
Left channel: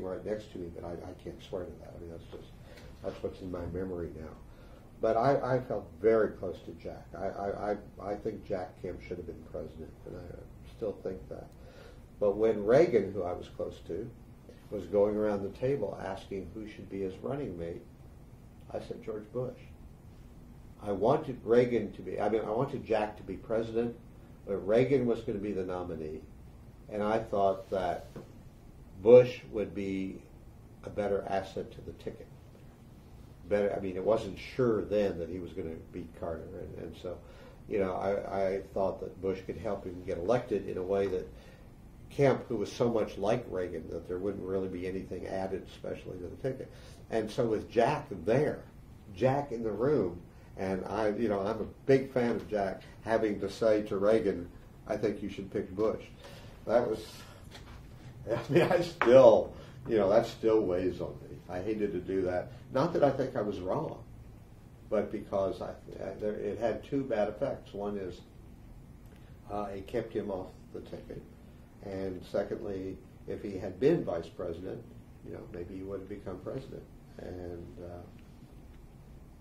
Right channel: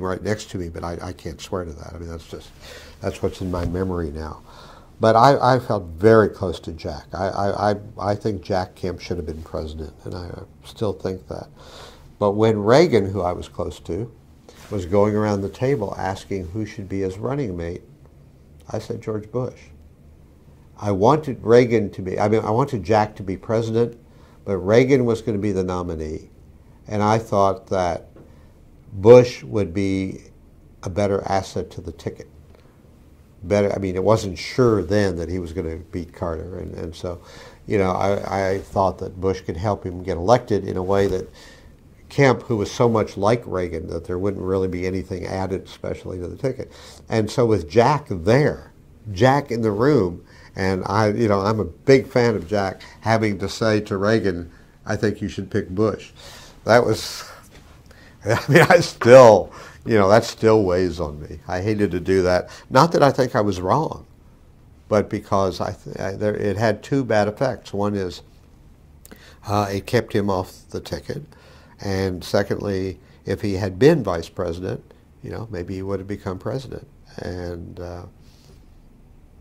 right next to me, but I can't swear to that. I mean, that's what's in my memory now. But I felt very close to Jack. I think Jack Kemp should have been president, and I still think that. But when Reagan, who I was close to, was going around the table asking who should be his running mate, I said George Bush. I wanted Reagan to be, I wanted Jack to be president, but Reagan was going to be the nominee. And I thought that Bush would be a better asset to the ticket. Better, I mean, it wasn't sure then that he was going to beat Carter. And so, you know, I thought that Bush could help him get elected in a way that Kemp, who was so much like Reagan, that there wouldn't really be anything added, especially to the ticket. And so with Jack there, Jack in the room, and I'm a big fan of Jack having to say to Reagan, I think you should pick Bush. That was, I mean, I still, that still weighs on me. I hated to do that. Not that I think I was wrong, but because it had two bad effects. One is it kept him off the ticket. And secondly, if he had been vice president, maybe he would have become president. And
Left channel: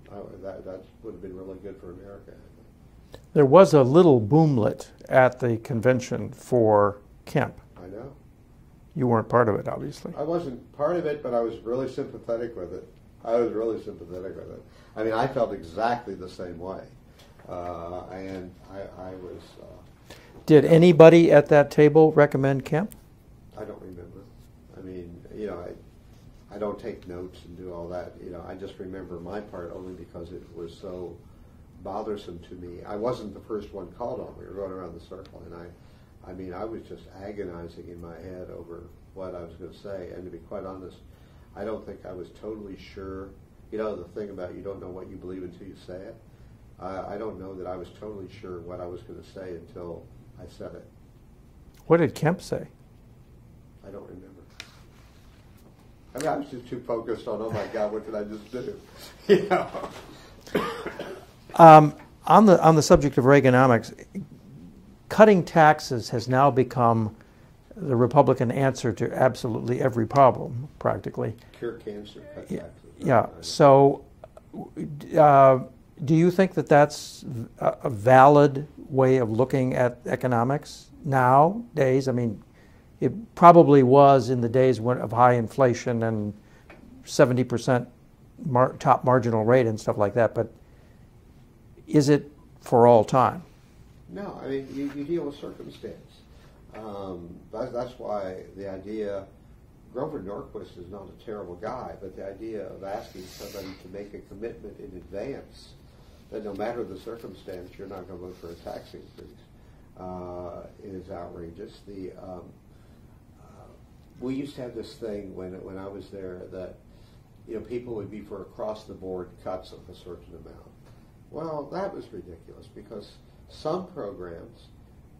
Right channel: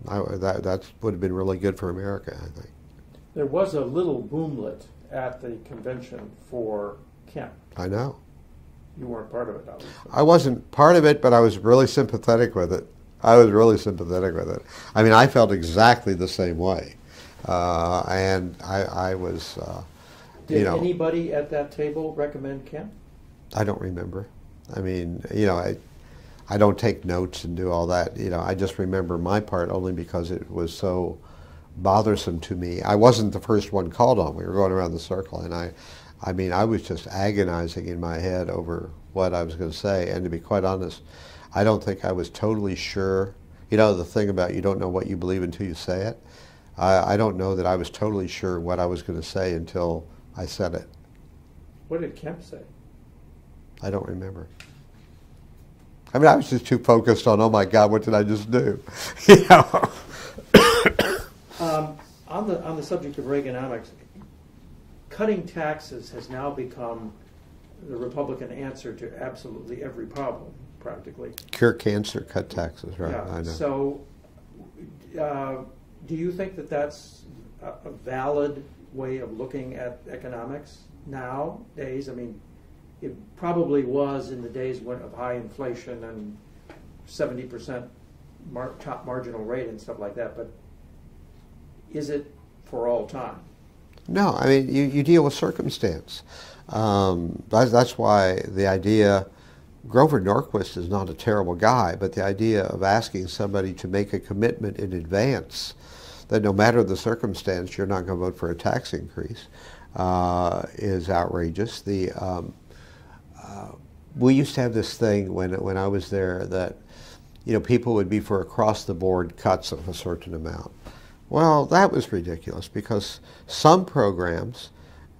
that would have been really good for America, I think. There was a little boomlet at the convention for Kemp. I know. You weren't part of it, obviously. I wasn't part of it, but I was really sympathetic with it. I mean, I felt exactly the same way. And I was... Did anybody at that table recommend Kemp? I don't remember. I mean, I don't take notes and do all that. I just remember my part only because it was so bothersome to me. I wasn't the first one called on. We were going around the circle, and I mean, I was just agonizing in my head over what I was going to say. And to be quite honest, I don't think I was totally sure. The thing about you don't know what you believe until you say it. I don't know that I was totally sure what I was going to say until I said it. What did Kemp say? I don't remember. I mean, I was just too focused on, oh my God, what did I just do? On the subject of Reaganomics, cutting taxes has now become the Republican answer to absolutely every problem, practically. Cure cancer, cut taxes, right? Yeah. I know. So, do you think that that's a valid way of looking at economics nowadays? I mean, it probably was in the days of high inflation and 70% top marginal rate and stuff like that, but is it for all time? No, I mean, you deal with circumstance. That's why the idea, Grover Norquist is not a terrible guy, but the idea of asking somebody to make a commitment in advance that no matter the circumstance, you're not going to vote for a tax increase is outrageous. We used to have this thing when I was there that people would be for across-the-board cuts of a certain amount. Well, that was ridiculous because some programs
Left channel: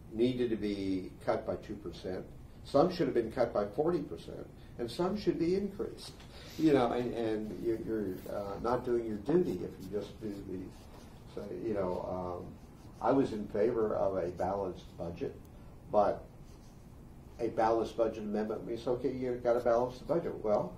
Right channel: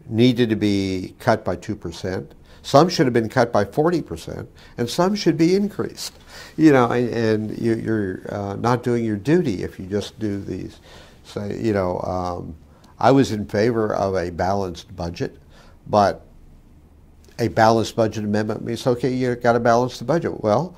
needed to be cut by 2%, some should have been cut by 40%, and some should be increased. And you're not doing your duty if you just do these. So, I was in favor of a balanced budget, but a balanced budget amendment means, okay, you've got to balance the budget. Well,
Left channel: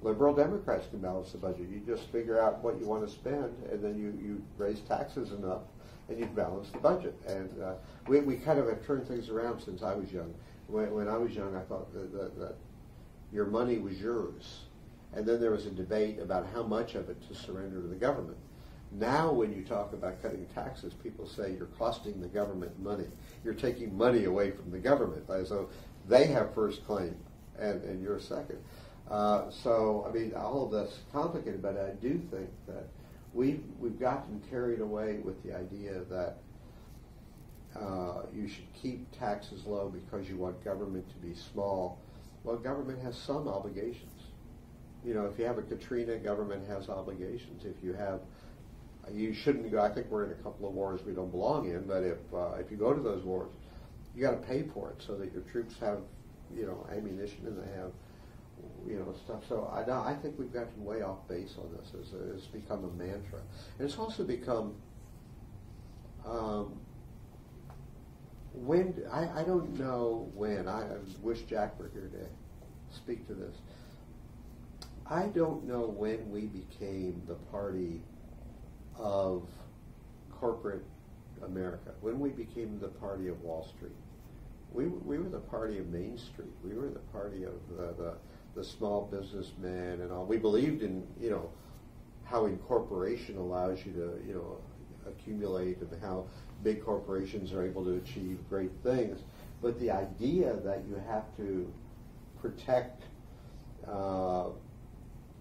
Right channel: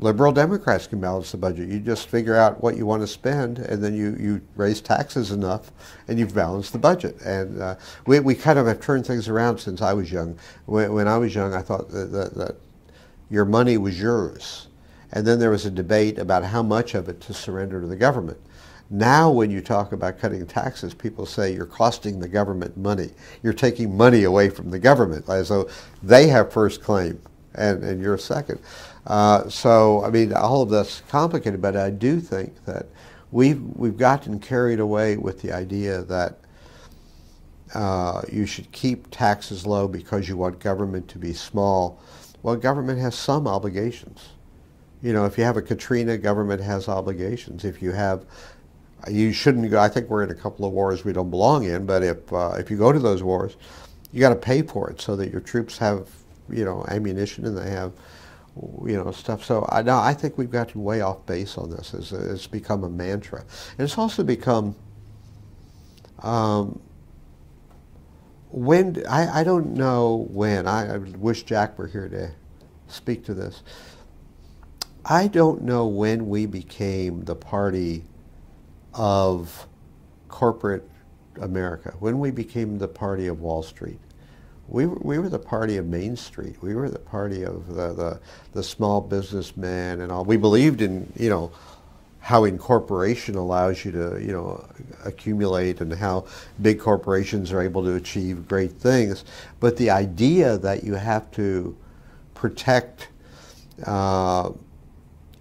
liberal Democrats can balance the budget. You just figure out what you want to spend, and then you raise taxes enough, and you've balanced the budget. And we kind of have turned things around since I was young. When I was young, I thought that your money was yours. And then there was a debate about how much of it to surrender to the government. Now when you talk about cutting taxes, people say you're costing the government money. You're taking money away from the government, as though they have first claim and you're second. So, I mean, all of that's complicated, but I do think that we've gotten carried away with the idea that you should keep taxes low because you want government to be small. Well, government has some obligations. If you have a Katrina, government has obligations. If you have, you shouldn't go, I think we're in a couple of wars we don't belong in, but if you go to those wars, you got to pay for it so that your troops have, ammunition and they have, stuff. So I think we've gotten way off base on this. It's become a mantra. And it's also become When I don't know when. I wish Jack were here to speak to this. I don't know when we became the party of corporate America, when we became the party of Wall Street. We were the party of Main Street. We were the party of the small businessman and all. We believed in, you know, how incorporation allows you to, you know, accumulate and how big corporations are able to achieve great things. But the idea that you have to protect, you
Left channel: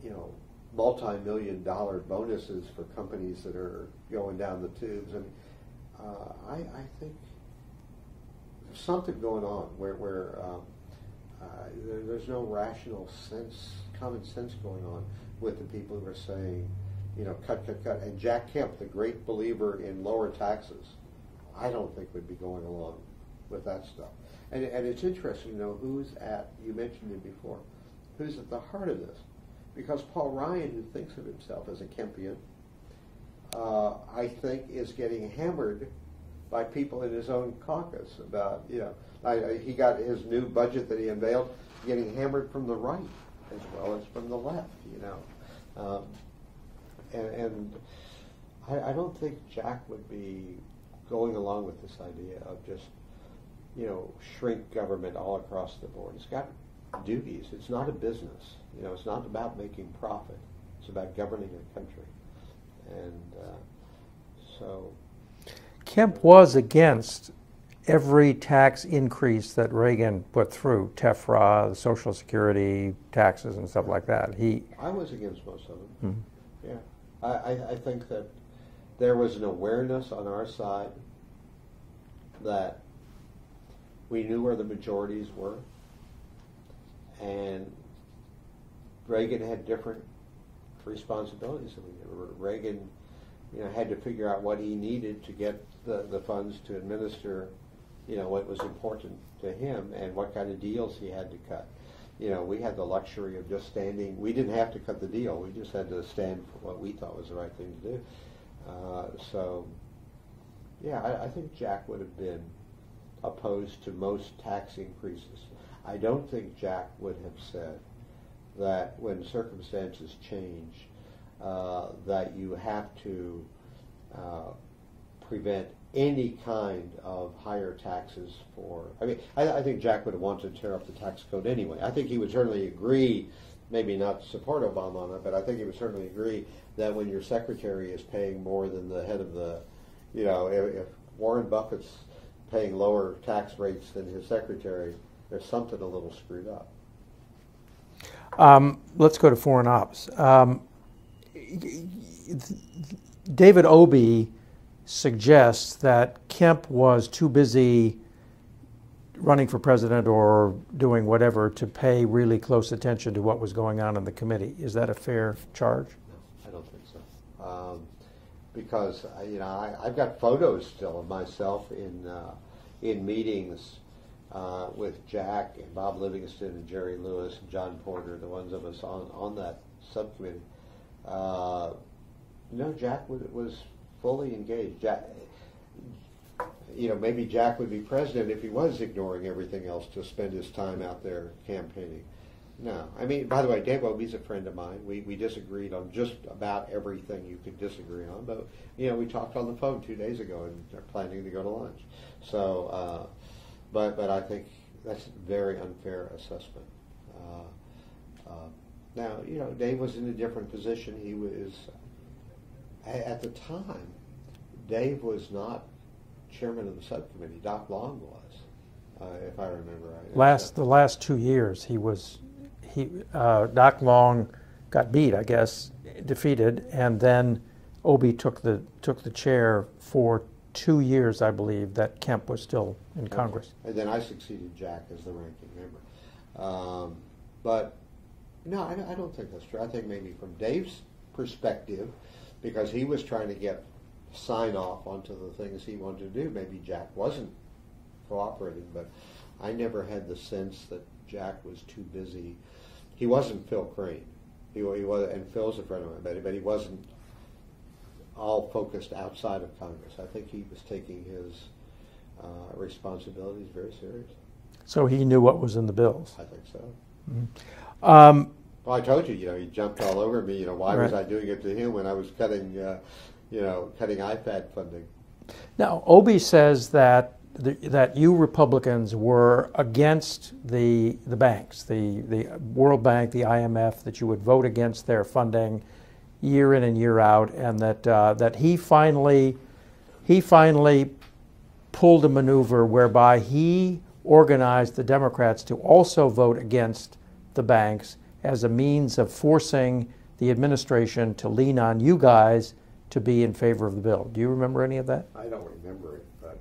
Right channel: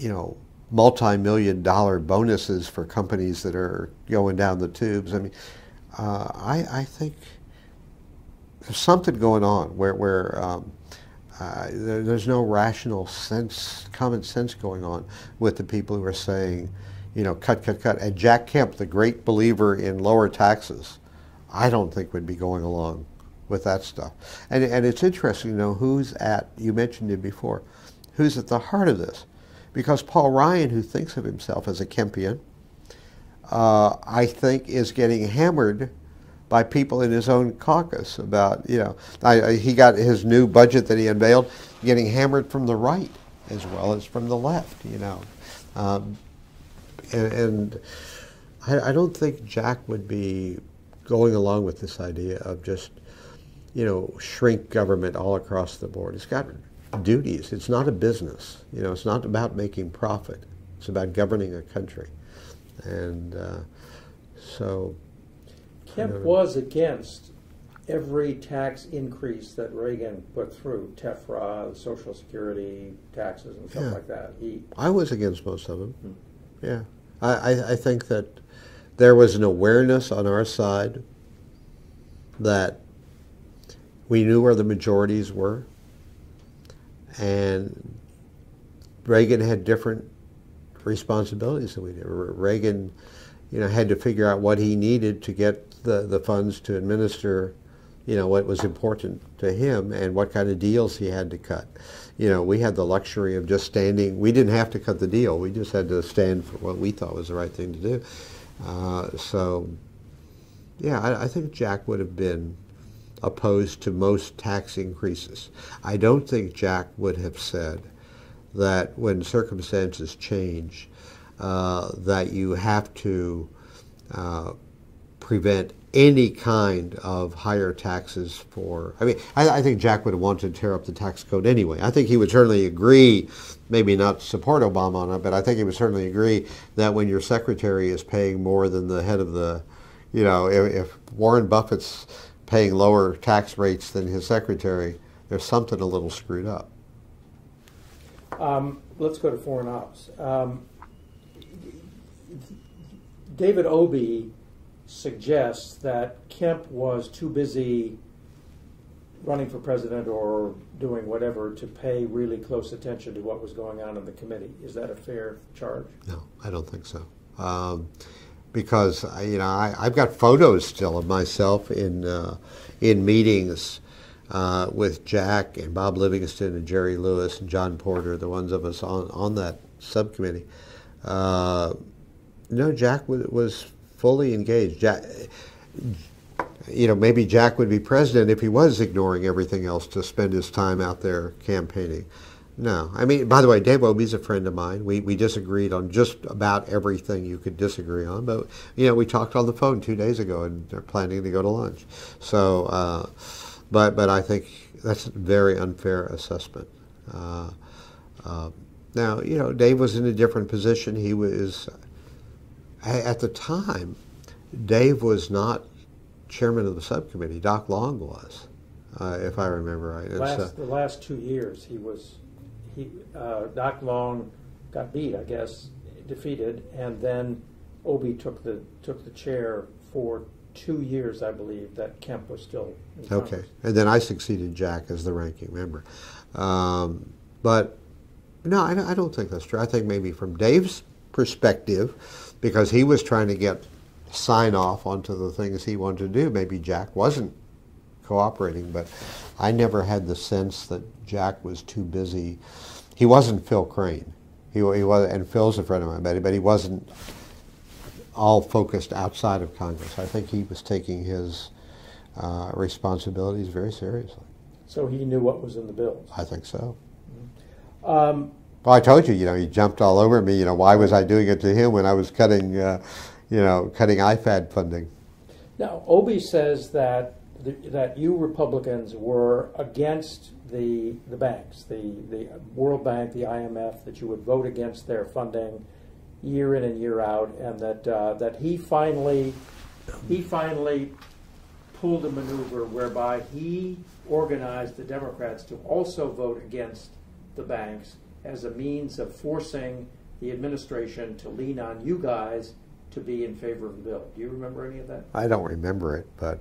know, multi-million-dollar bonuses for companies that are going down the tubes. I mean, I think there's something going on where there's no rational sense, common sense going on with the people who are saying, you know, cut, cut, cut. And Jack Kemp, the great believer in lower taxes, I don't think would be going along with that stuff. And it's interesting, you know, who's at, you mentioned it before, who's at the heart of this. Because Paul Ryan, who thinks of himself as a Kempian, I think is getting hammered by people in his own caucus about, you know, he got his new budget that he unveiled getting hammered from the right as well as from the left, you know. And I don't think Jack would be going along with this idea of just, you know, shrink government all across the board. It's got duties. It's not a business. You know, it's not about making profit. It's about governing a country. And so... Kemp was against every tax increase that Reagan put through, TEFRA, Social Security, taxes, and stuff like that. I was against most of them. Mm-hmm. Yeah. I think that there was an awareness on our side that we knew where the majorities were, and Reagan had different responsibilities than we did. Reagan, you know, had to figure out what he needed to get the funds to administer, you know, what was important to him and what kind of deals he had to cut. You know, we had the luxury of just standing. We didn't have to cut the deal. We just had to stand for what we thought was the right thing to do. So, yeah, I think Jack would have been opposed to most tax increases. I don't think Jack would have said that when circumstances change, that you have to prevent any kind of higher taxes for, I mean, I think Jack would have wanted to tear up the tax code anyway. I think he would certainly agree, maybe not support Obama on it, but I think he would certainly agree that when your secretary is paying more than the head of the, you know, if Warren Buffett's paying lower tax rates than his secretary, there's something a little screwed up. Let's go to foreign ops. David Obey suggests that Kemp was too busy running for president or doing whatever to pay really close attention to what was going on in the committee. Is that a fair charge? No, I don't think so. Because you know, I've got photos still of myself in meetings with Jack and Bob Livingston and Jerry Lewis and John Porter, the ones of us on that subcommittee. No, Jack was fully engaged. Jack, you know, maybe Jack would be president if he was ignoring everything else to spend his time out there campaigning. No, I mean, by the way, Dave Obey's a friend of mine. We disagreed on just about everything you could disagree on, but you know, we talked on the phone 2 days ago, and they're planning to go to lunch. So, but I think that's a very unfair assessment. Now, you know, Dave was in a different position. He was, at the time, Dave was not chairman of the subcommittee. Doc Long was, if I remember right. The last 2 years, Doc Long got beat, I guess, defeated, and then Obey took the chair for 2 years, I believe, that Kemp was still in Congress. And then I succeeded Jack as the ranking member. But no, I don't think that's true. I think maybe from Dave's perspective, because he was trying to get sign off onto the things he wanted to do, maybe Jack wasn't cooperating, but I never had the sense that Jack was too busy. He wasn't Phil Crane. He was, and Phil's a friend of mine, but he wasn't all focused outside of Congress. I think he was taking his responsibilities very seriously. So he knew what was in the bills. I think so. Mm-hmm. Well, I told you, he jumped all over me. Why was I doing it to him when I was cutting, cutting IFAD funding? Now, Obie says that that you Republicans were against the banks, the World Bank, the IMF, that you would vote against their funding year in and year out, and that he finally pulled a maneuver whereby he organized the Democrats to also vote against the banks as a means of forcing the administration to lean on you guys to be in favor of the bill. Do you remember any of that? I don't remember it, but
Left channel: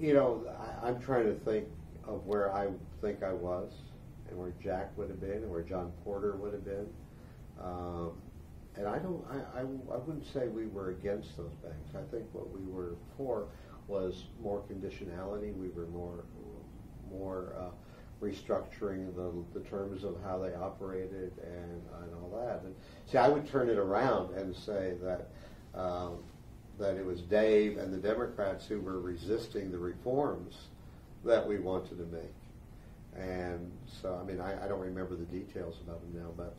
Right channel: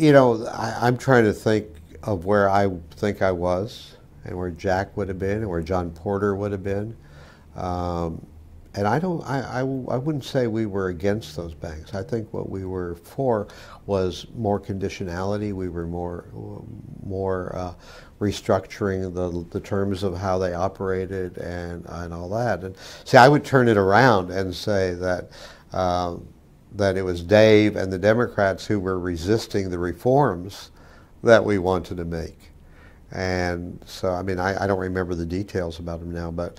I'm trying to think of where I think I was and where Jack would have been and where John Porter would have been. And I wouldn't say we were against those banks. I think what we were for was more conditionality. We were more restructuring the terms of how they operated and all that. And see, I would turn it around and say that that it was Dave and the Democrats who were resisting the reforms that we wanted to make. And so, I mean, I don't remember the details about them now, but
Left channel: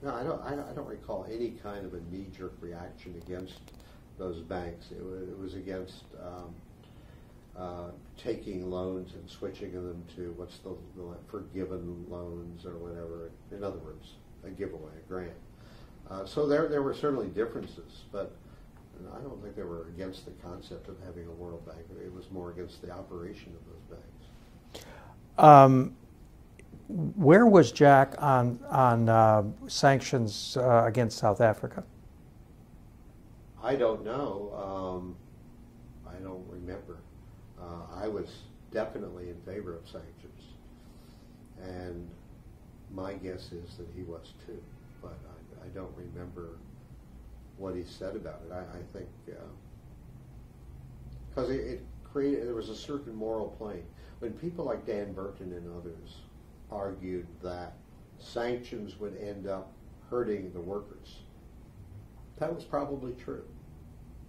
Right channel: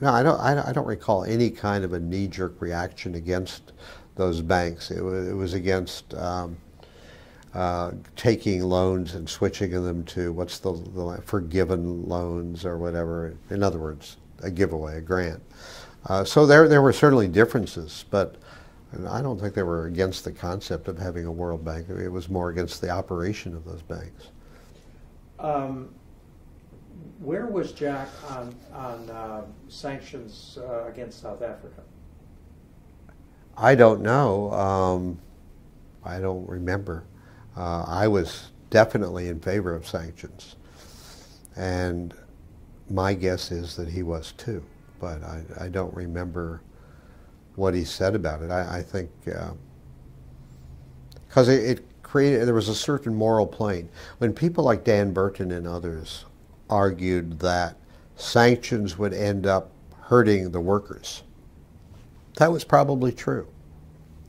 no, I don't recall any kind of a knee-jerk reaction against those banks. It was against taking loans and switching them to what's the forgiven loans or whatever. In other words, a giveaway, a grant. So there were certainly differences, but I don't think they were against the concept of having a World Bank. It was more against the operation of those banks. Where was Jack on sanctions against South Africa? I don't know. I don't remember. I was definitely in favor of sanctions, and my guess is that he was too, but I don't remember what he said about it. I think because it created, there was a certain moral plane. When people like Dan Burton and others argued that sanctions would end up hurting the workers, that was probably true.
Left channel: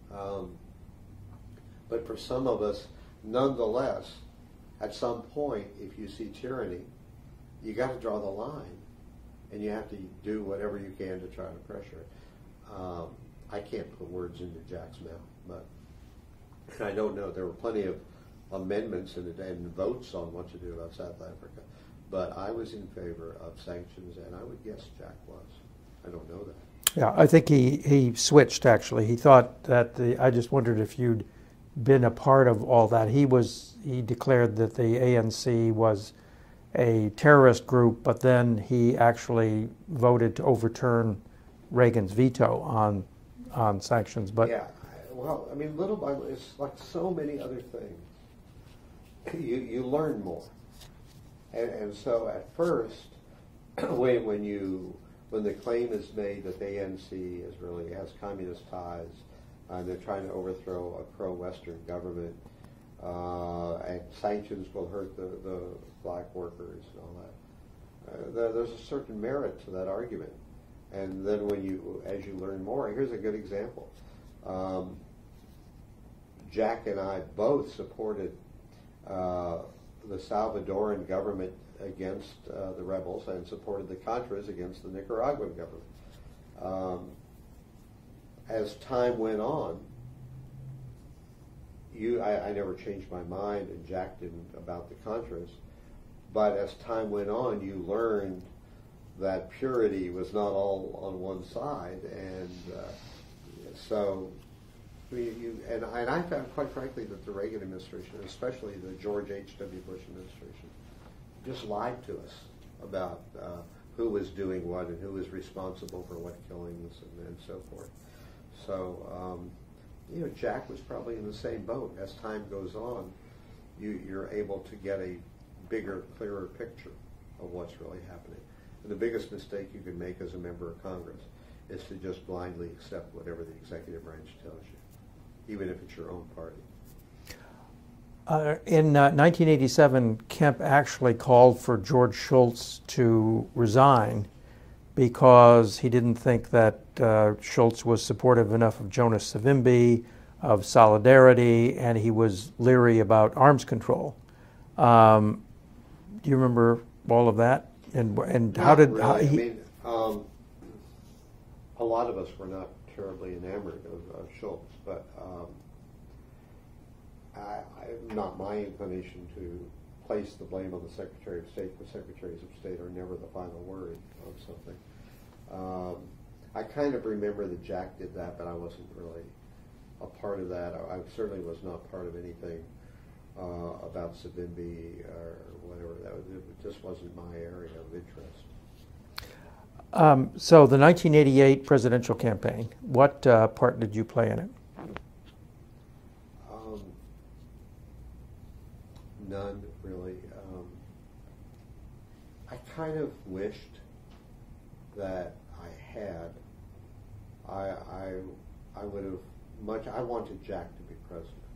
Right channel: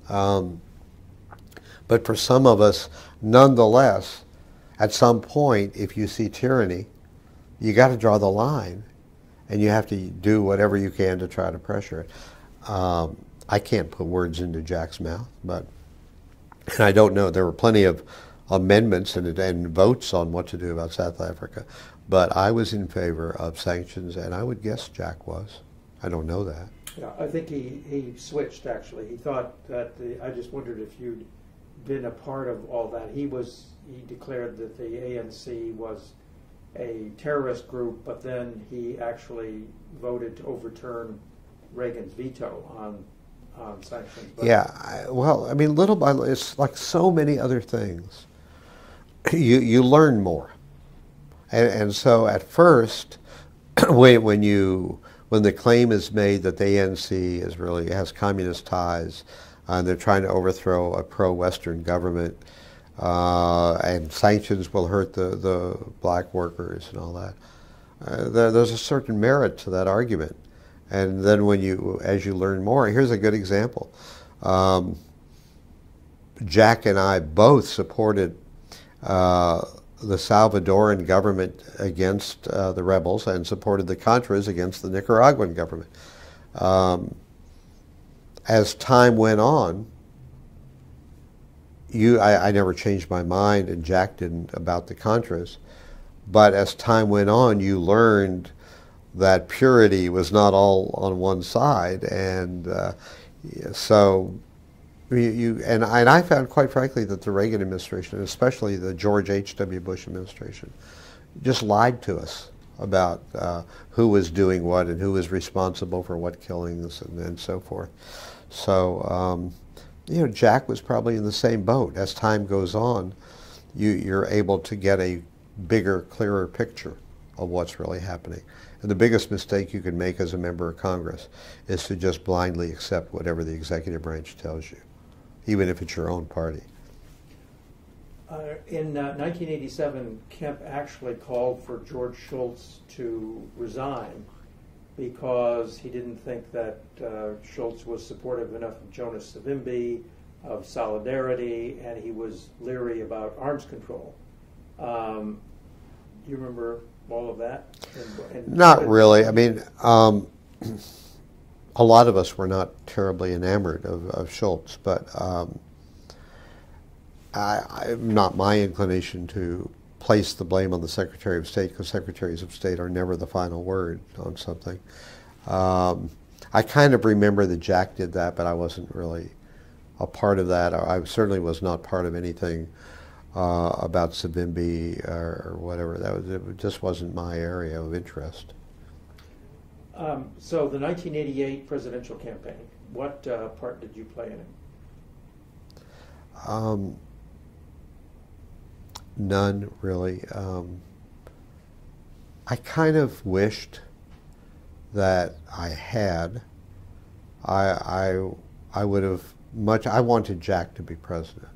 But for some of us, nonetheless, at some point, if you see tyranny, you got to draw the line, and you have to do whatever you can to try to pressure it. I can't put words into Jack's mouth, but and I don't know. There were plenty of amendments and votes on what to do about South Africa, but I was in favor of sanctions, and I would guess Jack was. I don't know that. Yeah, I think he switched, actually. He thought that I just wondered if you'd been a part of all that. He declared that the ANC was a terrorist group, but then he actually voted to overturn Reagan's veto on sanctions. But yeah, well, I mean, little by little, it's like so many other things. You learn more, and so at first, when the claim is made that the ANC has communist ties, and they're trying to overthrow a pro-Western government, and sanctions will hurt the black workers and all that. There's a certain merit to that argument. And then as you learn more, here's a good example. Jack and I both supported the Salvadoran government against the rebels and supported the Contras against the Nicaraguan government. As time went on, I never changed my mind, and Jack didn't, about the Contras. But as time went on, you learned that purity was not all on one side, and so and I found, quite frankly, that the Reagan administration, especially the George H.W. Bush administration, just lied to us about who was doing what and who was responsible for what killings and so forth. So Jack was probably in the same boat. As time goes on, you're able to get a bigger, clearer picture of what's really happening. And the biggest mistake you can make as a member of Congress is to just blindly accept whatever the executive branch tells you, even if it's your own party. In 1987, Kemp actually called for George Shultz to resign because he didn't think that Shultz was supportive enough of Jonas Savimbi, of solidarity, and he was leery about arms control. Do you remember all of that? And not really. I mean, a lot of us were not terribly enamored of Shultz, but not my inclination to place the blame on the Secretary of State, because Secretaries of State are never the final word on something. I kind of remember that Jack did that, but I wasn't really a part of that. I certainly was not part of anything about Savimbi or whatever. It just wasn't my area of interest. So the 1988 presidential campaign, what part did you play in it? None, really. I kind of wished that I had. I would have I wanted Jack to be president.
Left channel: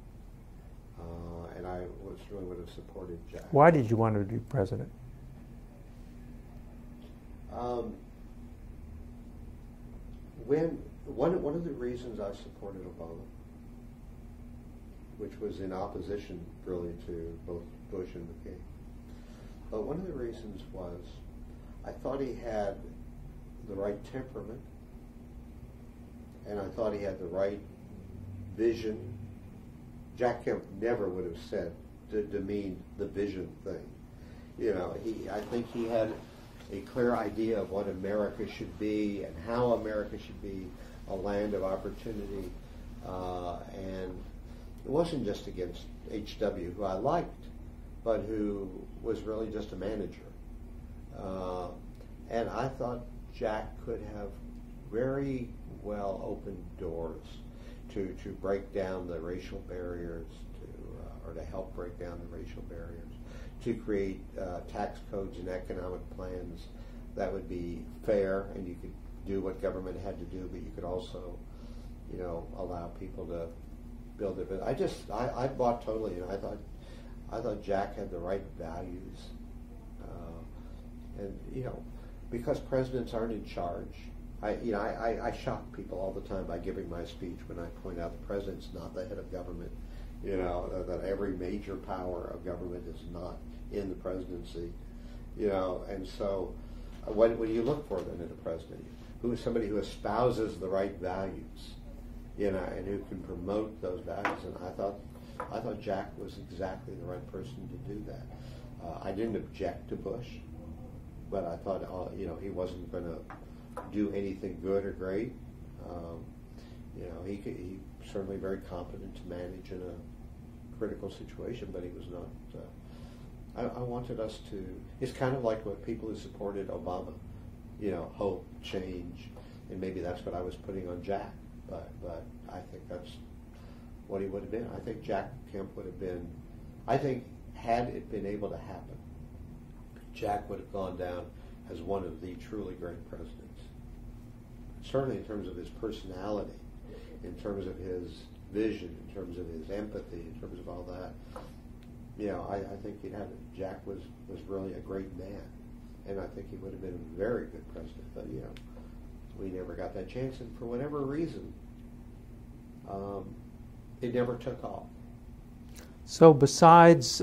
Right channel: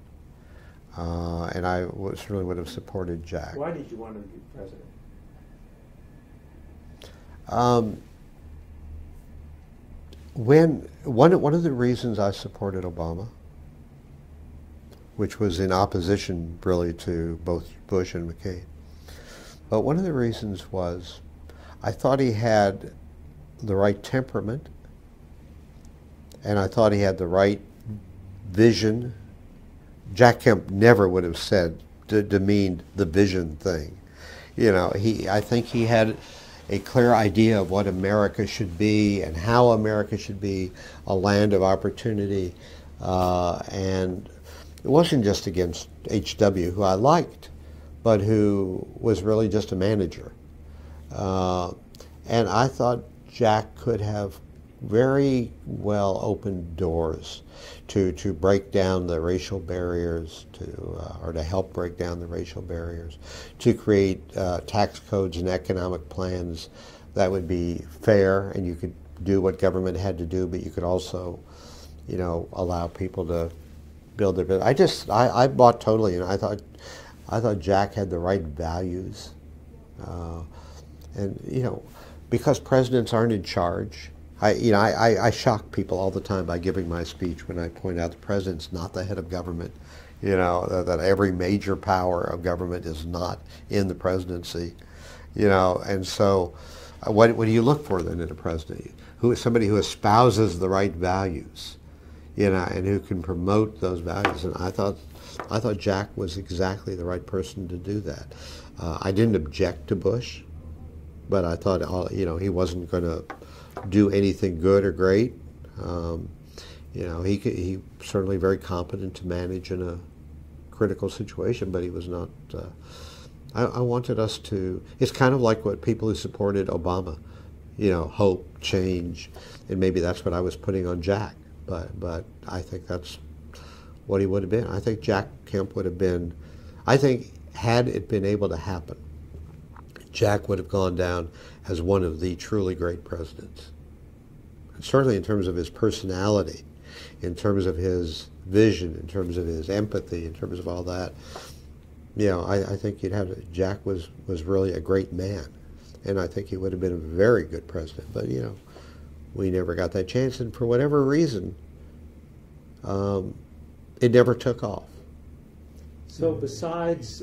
And I certainly would have supported Jack. Why did you want him to be president? One of the reasons I supported Obama, which was in opposition really to both Bush and McCain, but one of the reasons was I thought he had the right temperament, and I thought he had the right vision. Jack Kemp never would have said, demeaned the vision thing. You know, I think he had a clear idea of what America should be and how America should be a land of opportunity. And it wasn't just against H.W., who I liked, but who was really just a manager. And I thought Jack could have very well opened doors to break down the racial barriers, or to help break down the racial barriers, to create tax codes and economic plans that would be fair, and you could do what government had to do, but you could also, you know, allow people to build their business. I bought totally, and I thought Jack had the right values, and you know, because presidents aren't in charge. I shock people all the time by giving my speech when I point out the president's not the head of government. You know, that every major power of government is not in the presidency. You know, and so what do you look for then in a president? Who is somebody who espouses the right values, you know, and who can promote those values. And I thought Jack was exactly the right person to do that. I didn't object to Bush, but I thought, you know, he wasn't going to do anything good or great. You know, he certainly very competent to manage in a critical situation, but he was not. I wanted us to. It's kind of like what people who supported Obama, you know, hope, change, and maybe that's what I was putting on Jack. But I think that's what he would have been. I think Jack Kemp would have been. I think had it been able to happen, Jack would have gone down as one of the truly great presidents. And certainly in terms of his personality, in terms of his vision, in terms of his empathy, in terms of all that. You know, I think Jack was really a great man. And I think he would have been a very good president. But, you know, we never got that chance. And for whatever reason, it never took off. So besides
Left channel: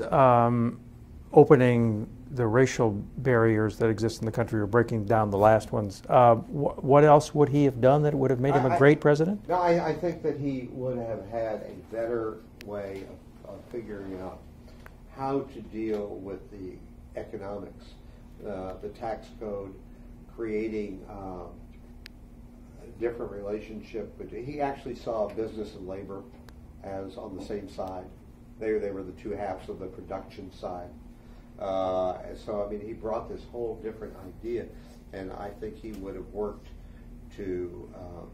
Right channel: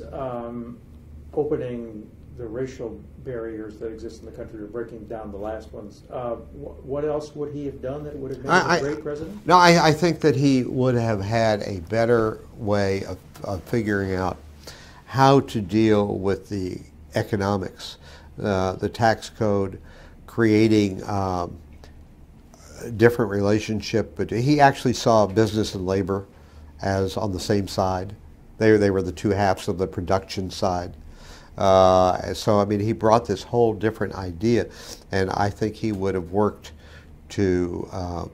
opening the racial barriers that exist in the country, or breaking down the last ones, what else would he have done that would have made him a great president? No, I think that he would have had a better way of figuring out how to deal with the economics, the tax code, creating different relationship. But he actually saw business and labor as on the same side. They were the two halves of the production side. So, I mean, he brought this whole different idea, and I think he would have worked to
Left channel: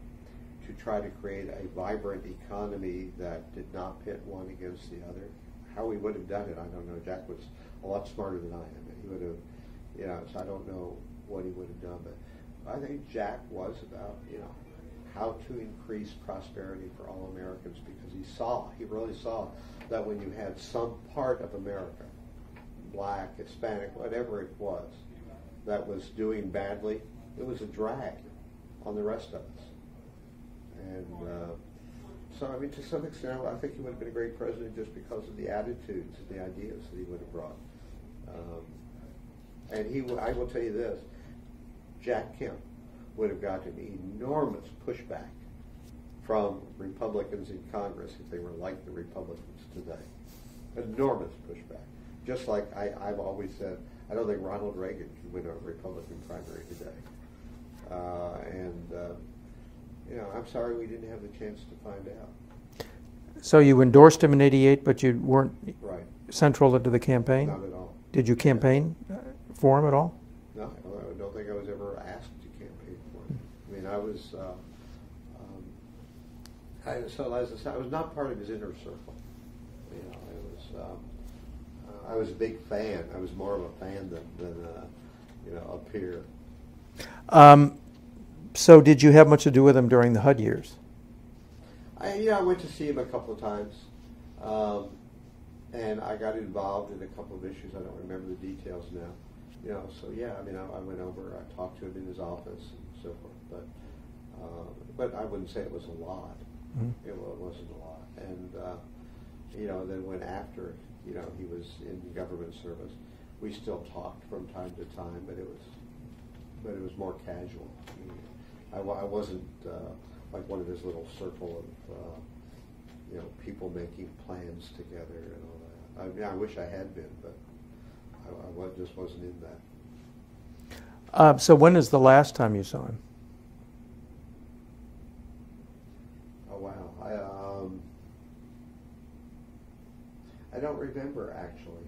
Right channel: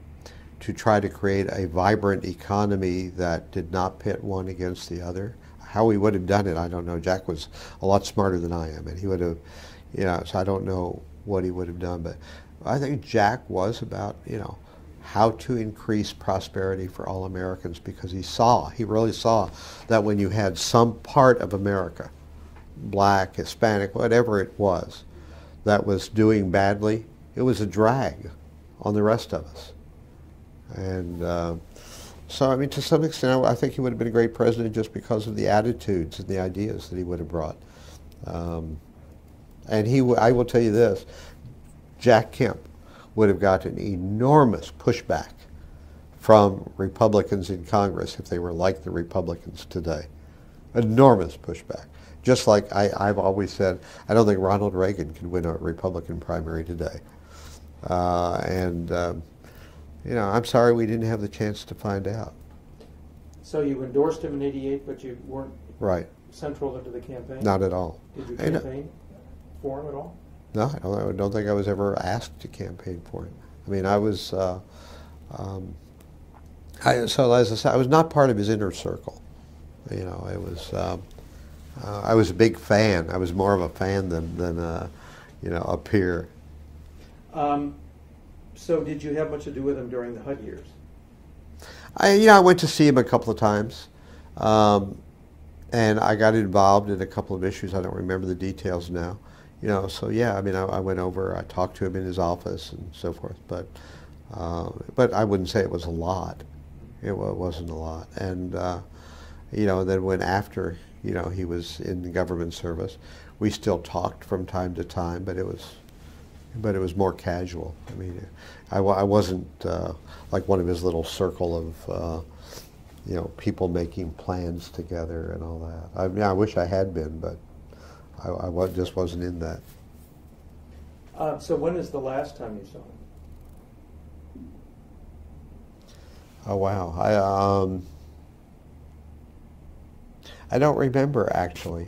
try to create a vibrant economy that did not pit one against the other. How he would have done it, I don't know. Jack was a lot smarter than I am, and he would have, you know, so I don't know what he would have done, but I think Jack was about, you know, how to increase prosperity for all Americans, because he really saw that when you had some part of America, black, Hispanic, whatever it was, that was doing badly, it was a drag on the rest of us. And so, I mean, to some extent, I think he would have been a great president just because of the attitudes and the ideas that he would have brought. And I will tell you this, Jack Kemp would have gotten enormous pushback from Republicans in Congress if they were like the Republicans today. Enormous pushback. Just like I've always said, I don't think Ronald Reagan can win a Republican primary today. You know, I'm sorry we didn't have the chance to find out. So you endorsed him in '88, but you weren't Right. central to the campaign? Not at all. Did you campaign for him at all? No, I don't think I was ever asked to campaign for him. I mean, I was, so as I said, I was not part of his inner circle. You know, it was, I was a big fan. I was more of a fan than you know, a peer. So did you have much to do with him during the HUD years? I went to see him a couple of times, and I got involved in a couple of issues. I don't remember the details now. You know, so yeah, I mean, I went over, I talked to him in his office and so forth, but I wouldn't say it was a lot. Mm-hmm. It wasn't a lot. And, you know, then when after, you know, he was in government service, we still talked from time to time, but it was more casual. I mean, I wasn't like one of his little circle of, you know, people making plans together and all that. I mean, I wish I had been, but I just wasn't in that. So when is the last time you saw him? Oh, wow. I don't remember, actually.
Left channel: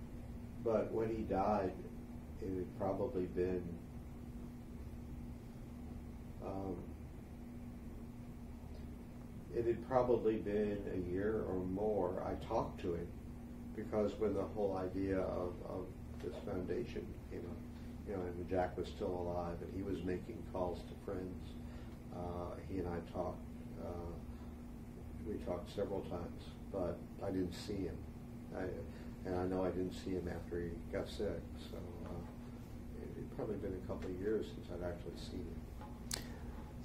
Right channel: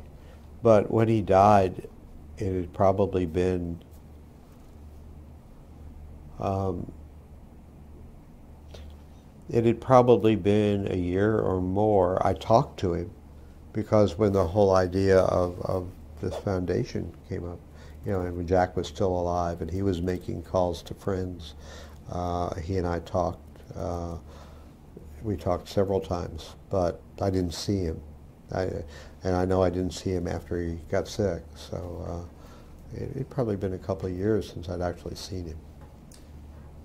But when he died, it had probably been a year or more. I talked to him because when the whole idea of this foundation came up, you know, and when Jack was still alive and he was making calls to friends, he and I talked. We talked several times, but I didn't see him. And I know I didn't see him after he got sick, so it'd probably been a couple of years since I'd actually seen him.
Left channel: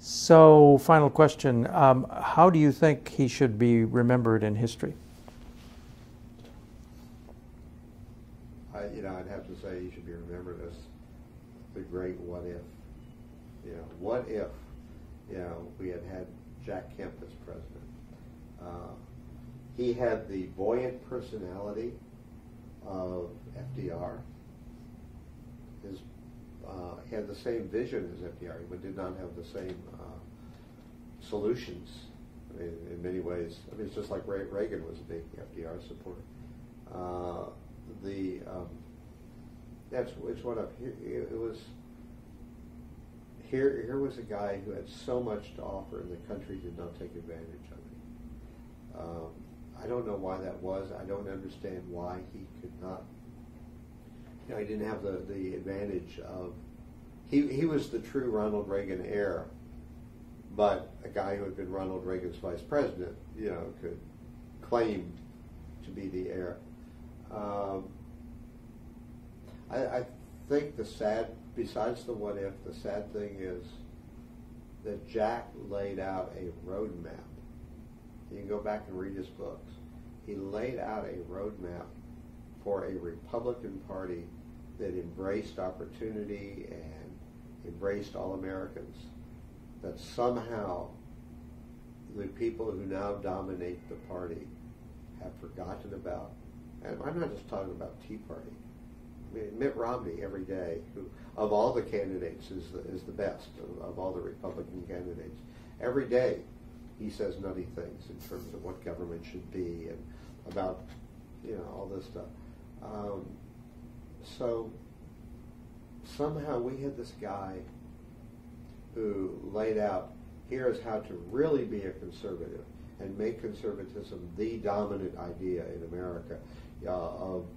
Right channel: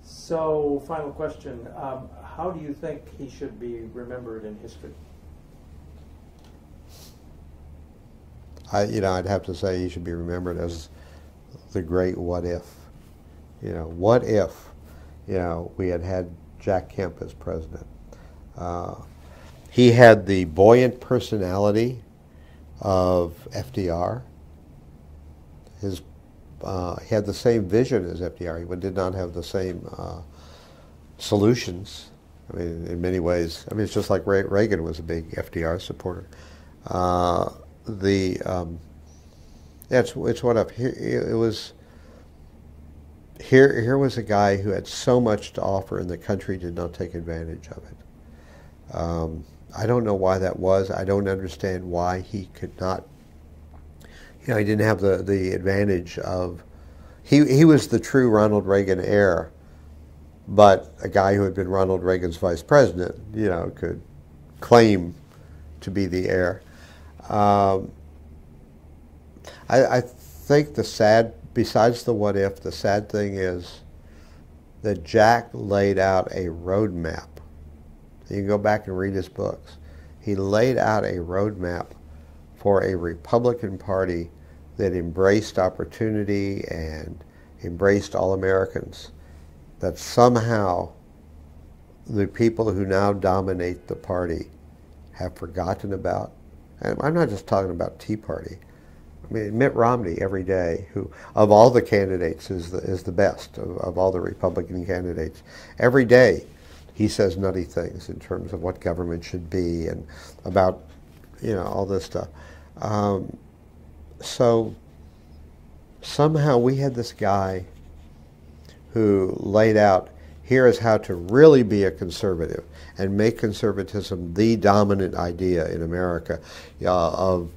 So, final question, how do you think he should be remembered in history? I'd have to say he should be remembered as the great what if. You know, what if, you know, we had Jack Kemp as president? He had the buoyant personality of FDR. He had the same vision as FDR. He did not have the same solutions. I mean, in many ways, I mean, it's just like Reagan was a big FDR supporter. It's what up here. It was here was a guy who had so much to offer, and the country did not take advantage of it. I don't know why that was. I don't understand why he could not. You know, he didn't have the advantage of. He was the true Ronald Reagan heir, but a guy who had been Ronald Reagan's vice president, you know, could claim to be the heir. I think besides the what if, the sad thing is that Jack laid out a roadmap. You can go back and read his books. He laid out a roadmap for a Republican Party that embraced opportunity and embraced all Americans, that somehow the people who now dominate the party have forgotten about. And I'm not just talking about Tea Party. I mean, Mitt Romney every day, who of all the candidates is the best of all the Republican candidates. Every day he says nutty things in terms of what government should be and about, you know, all this stuff. So somehow we had this guy who laid out, here is how to really be a conservative and make conservatism the dominant idea in America, of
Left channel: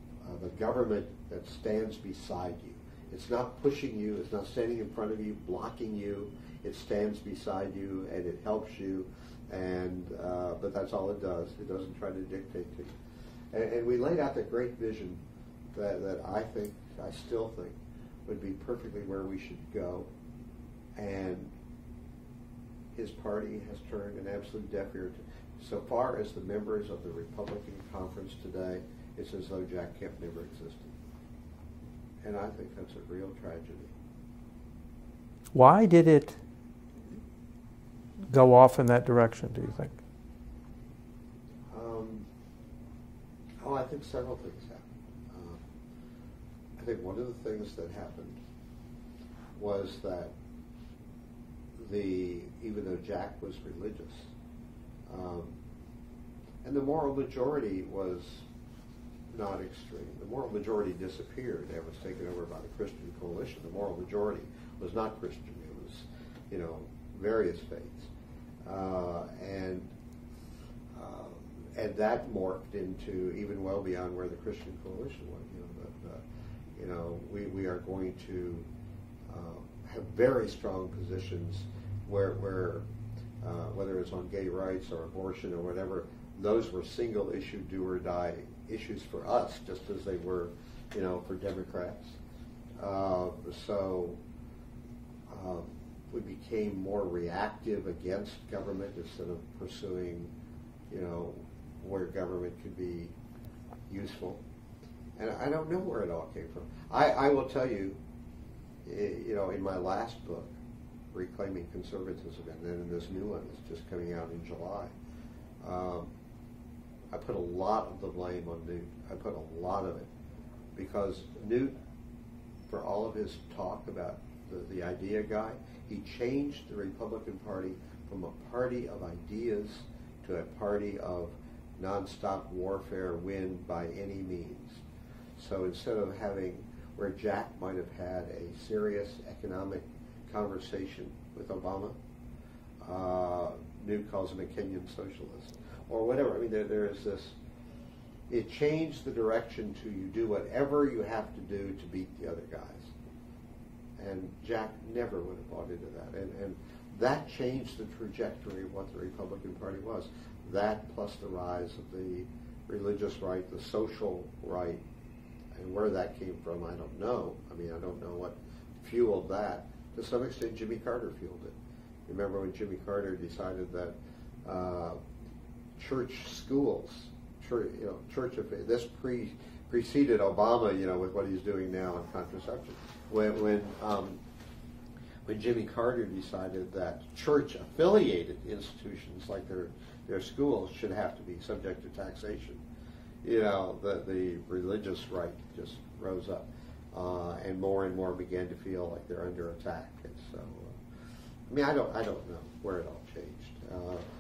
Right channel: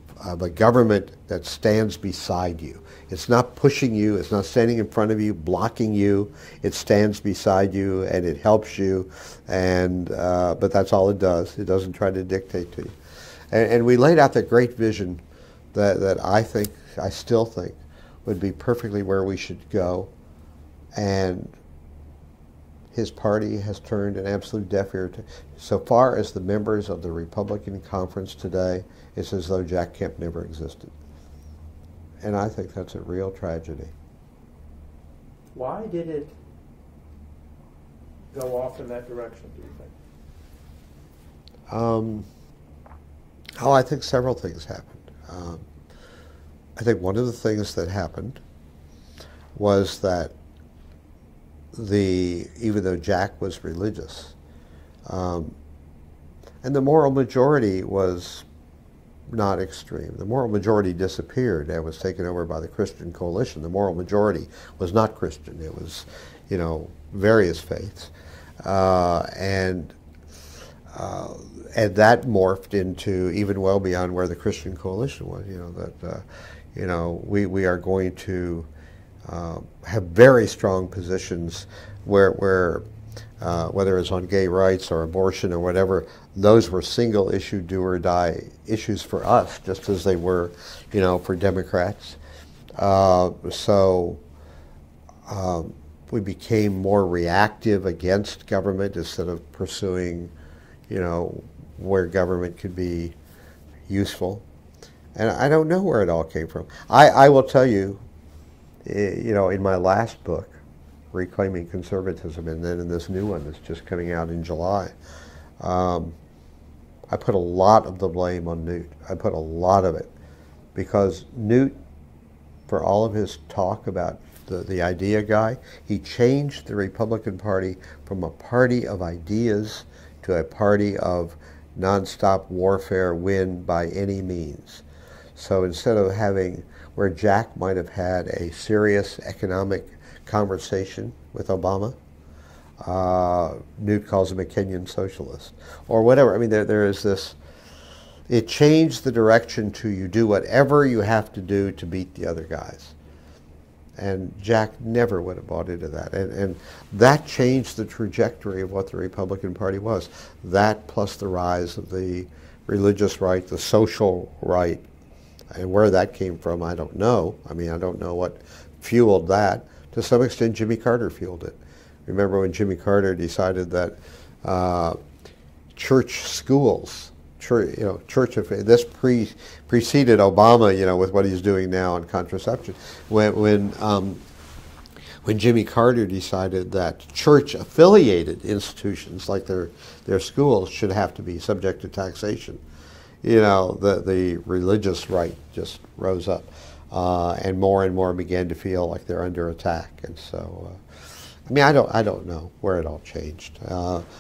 a government that stands beside you. It's not pushing you, it's not standing in front of you, blocking you. It stands beside you and it helps you, and but that's all it does. It doesn't try to dictate to you. And we laid out that great vision that I still think, would be perfectly where we should go. and his party has turned an absolute deaf ear to. So far as the members of the Republican conference today, it's as though Jack Kemp never existed. And I think that's a real tragedy. Why did it go off in that direction, do you think? I think several things happened. I think one of the things that happened was that even though Jack was religious, and the moral majority was not extreme. The moral majority disappeared and was taken over by the Christian coalition. The moral majority was not Christian. It was, various faiths. And that morphed into even well beyond where the Christian coalition was, we are going to have very strong positions where whether it's on gay rights or abortion or whatever, those were single issue do or die issues for us, just as they were, for Democrats. We became more reactive against government instead of pursuing, where government could be useful. And I don't know where it all came from. I will tell you, in my last book, Reclaiming Conservatism, and then in this new one that's just coming out in July, I put a lot of the blame on Newt. I put a lot of it because Newt, for all of his talk about the idea guy, he changed the Republican Party from a party of ideas to a party of nonstop warfare, win by any means. So instead of having where Jack might have had a serious economic conversation with Obama, Newt calls him a Kenyan socialist, or whatever. I mean, there is this, it changed the direction to you do whatever you have to do to beat the other guys. And Jack never would have bought into that. And that changed the trajectory of what the Republican Party was. That plus the rise of the religious right, the social right, and where that came from, I don't know. I mean, I don't know what fueled that. To some extent, Jimmy Carter fueled it. Remember when Jimmy Carter decided that church schools, this preceded Obama, with what he's doing now on contraception. When Jimmy Carter decided that church-affiliated institutions like their schools should have to be subject to taxation, the religious right just rose up, and more began to feel like they're under attack, and so. I don't know where it all changed.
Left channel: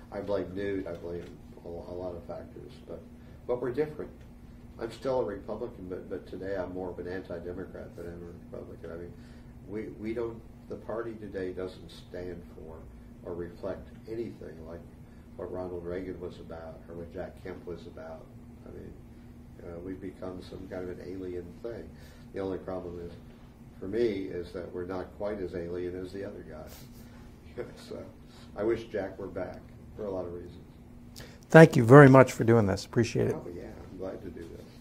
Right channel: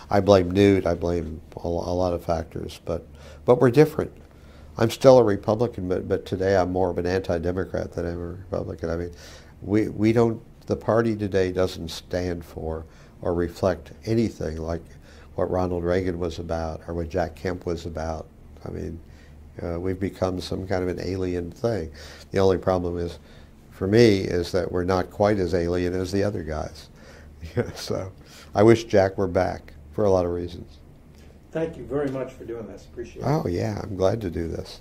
I blame Newt. I blame a lot of factors, but we're different. I'm still a Republican, but today I'm more of an anti-Democrat than I'm a Republican. I mean, the party today doesn't stand for or reflect anything like what Ronald Reagan was about or what Jack Kemp was about. I mean, we've become some kind of an alien thing. The only problem is, for me, is that we're not quite as alien as the other guys. So I wish Jack were back for a lot of reasons. Thank you very much for doing this. Appreciate it. Oh, yeah, I'm glad to do this.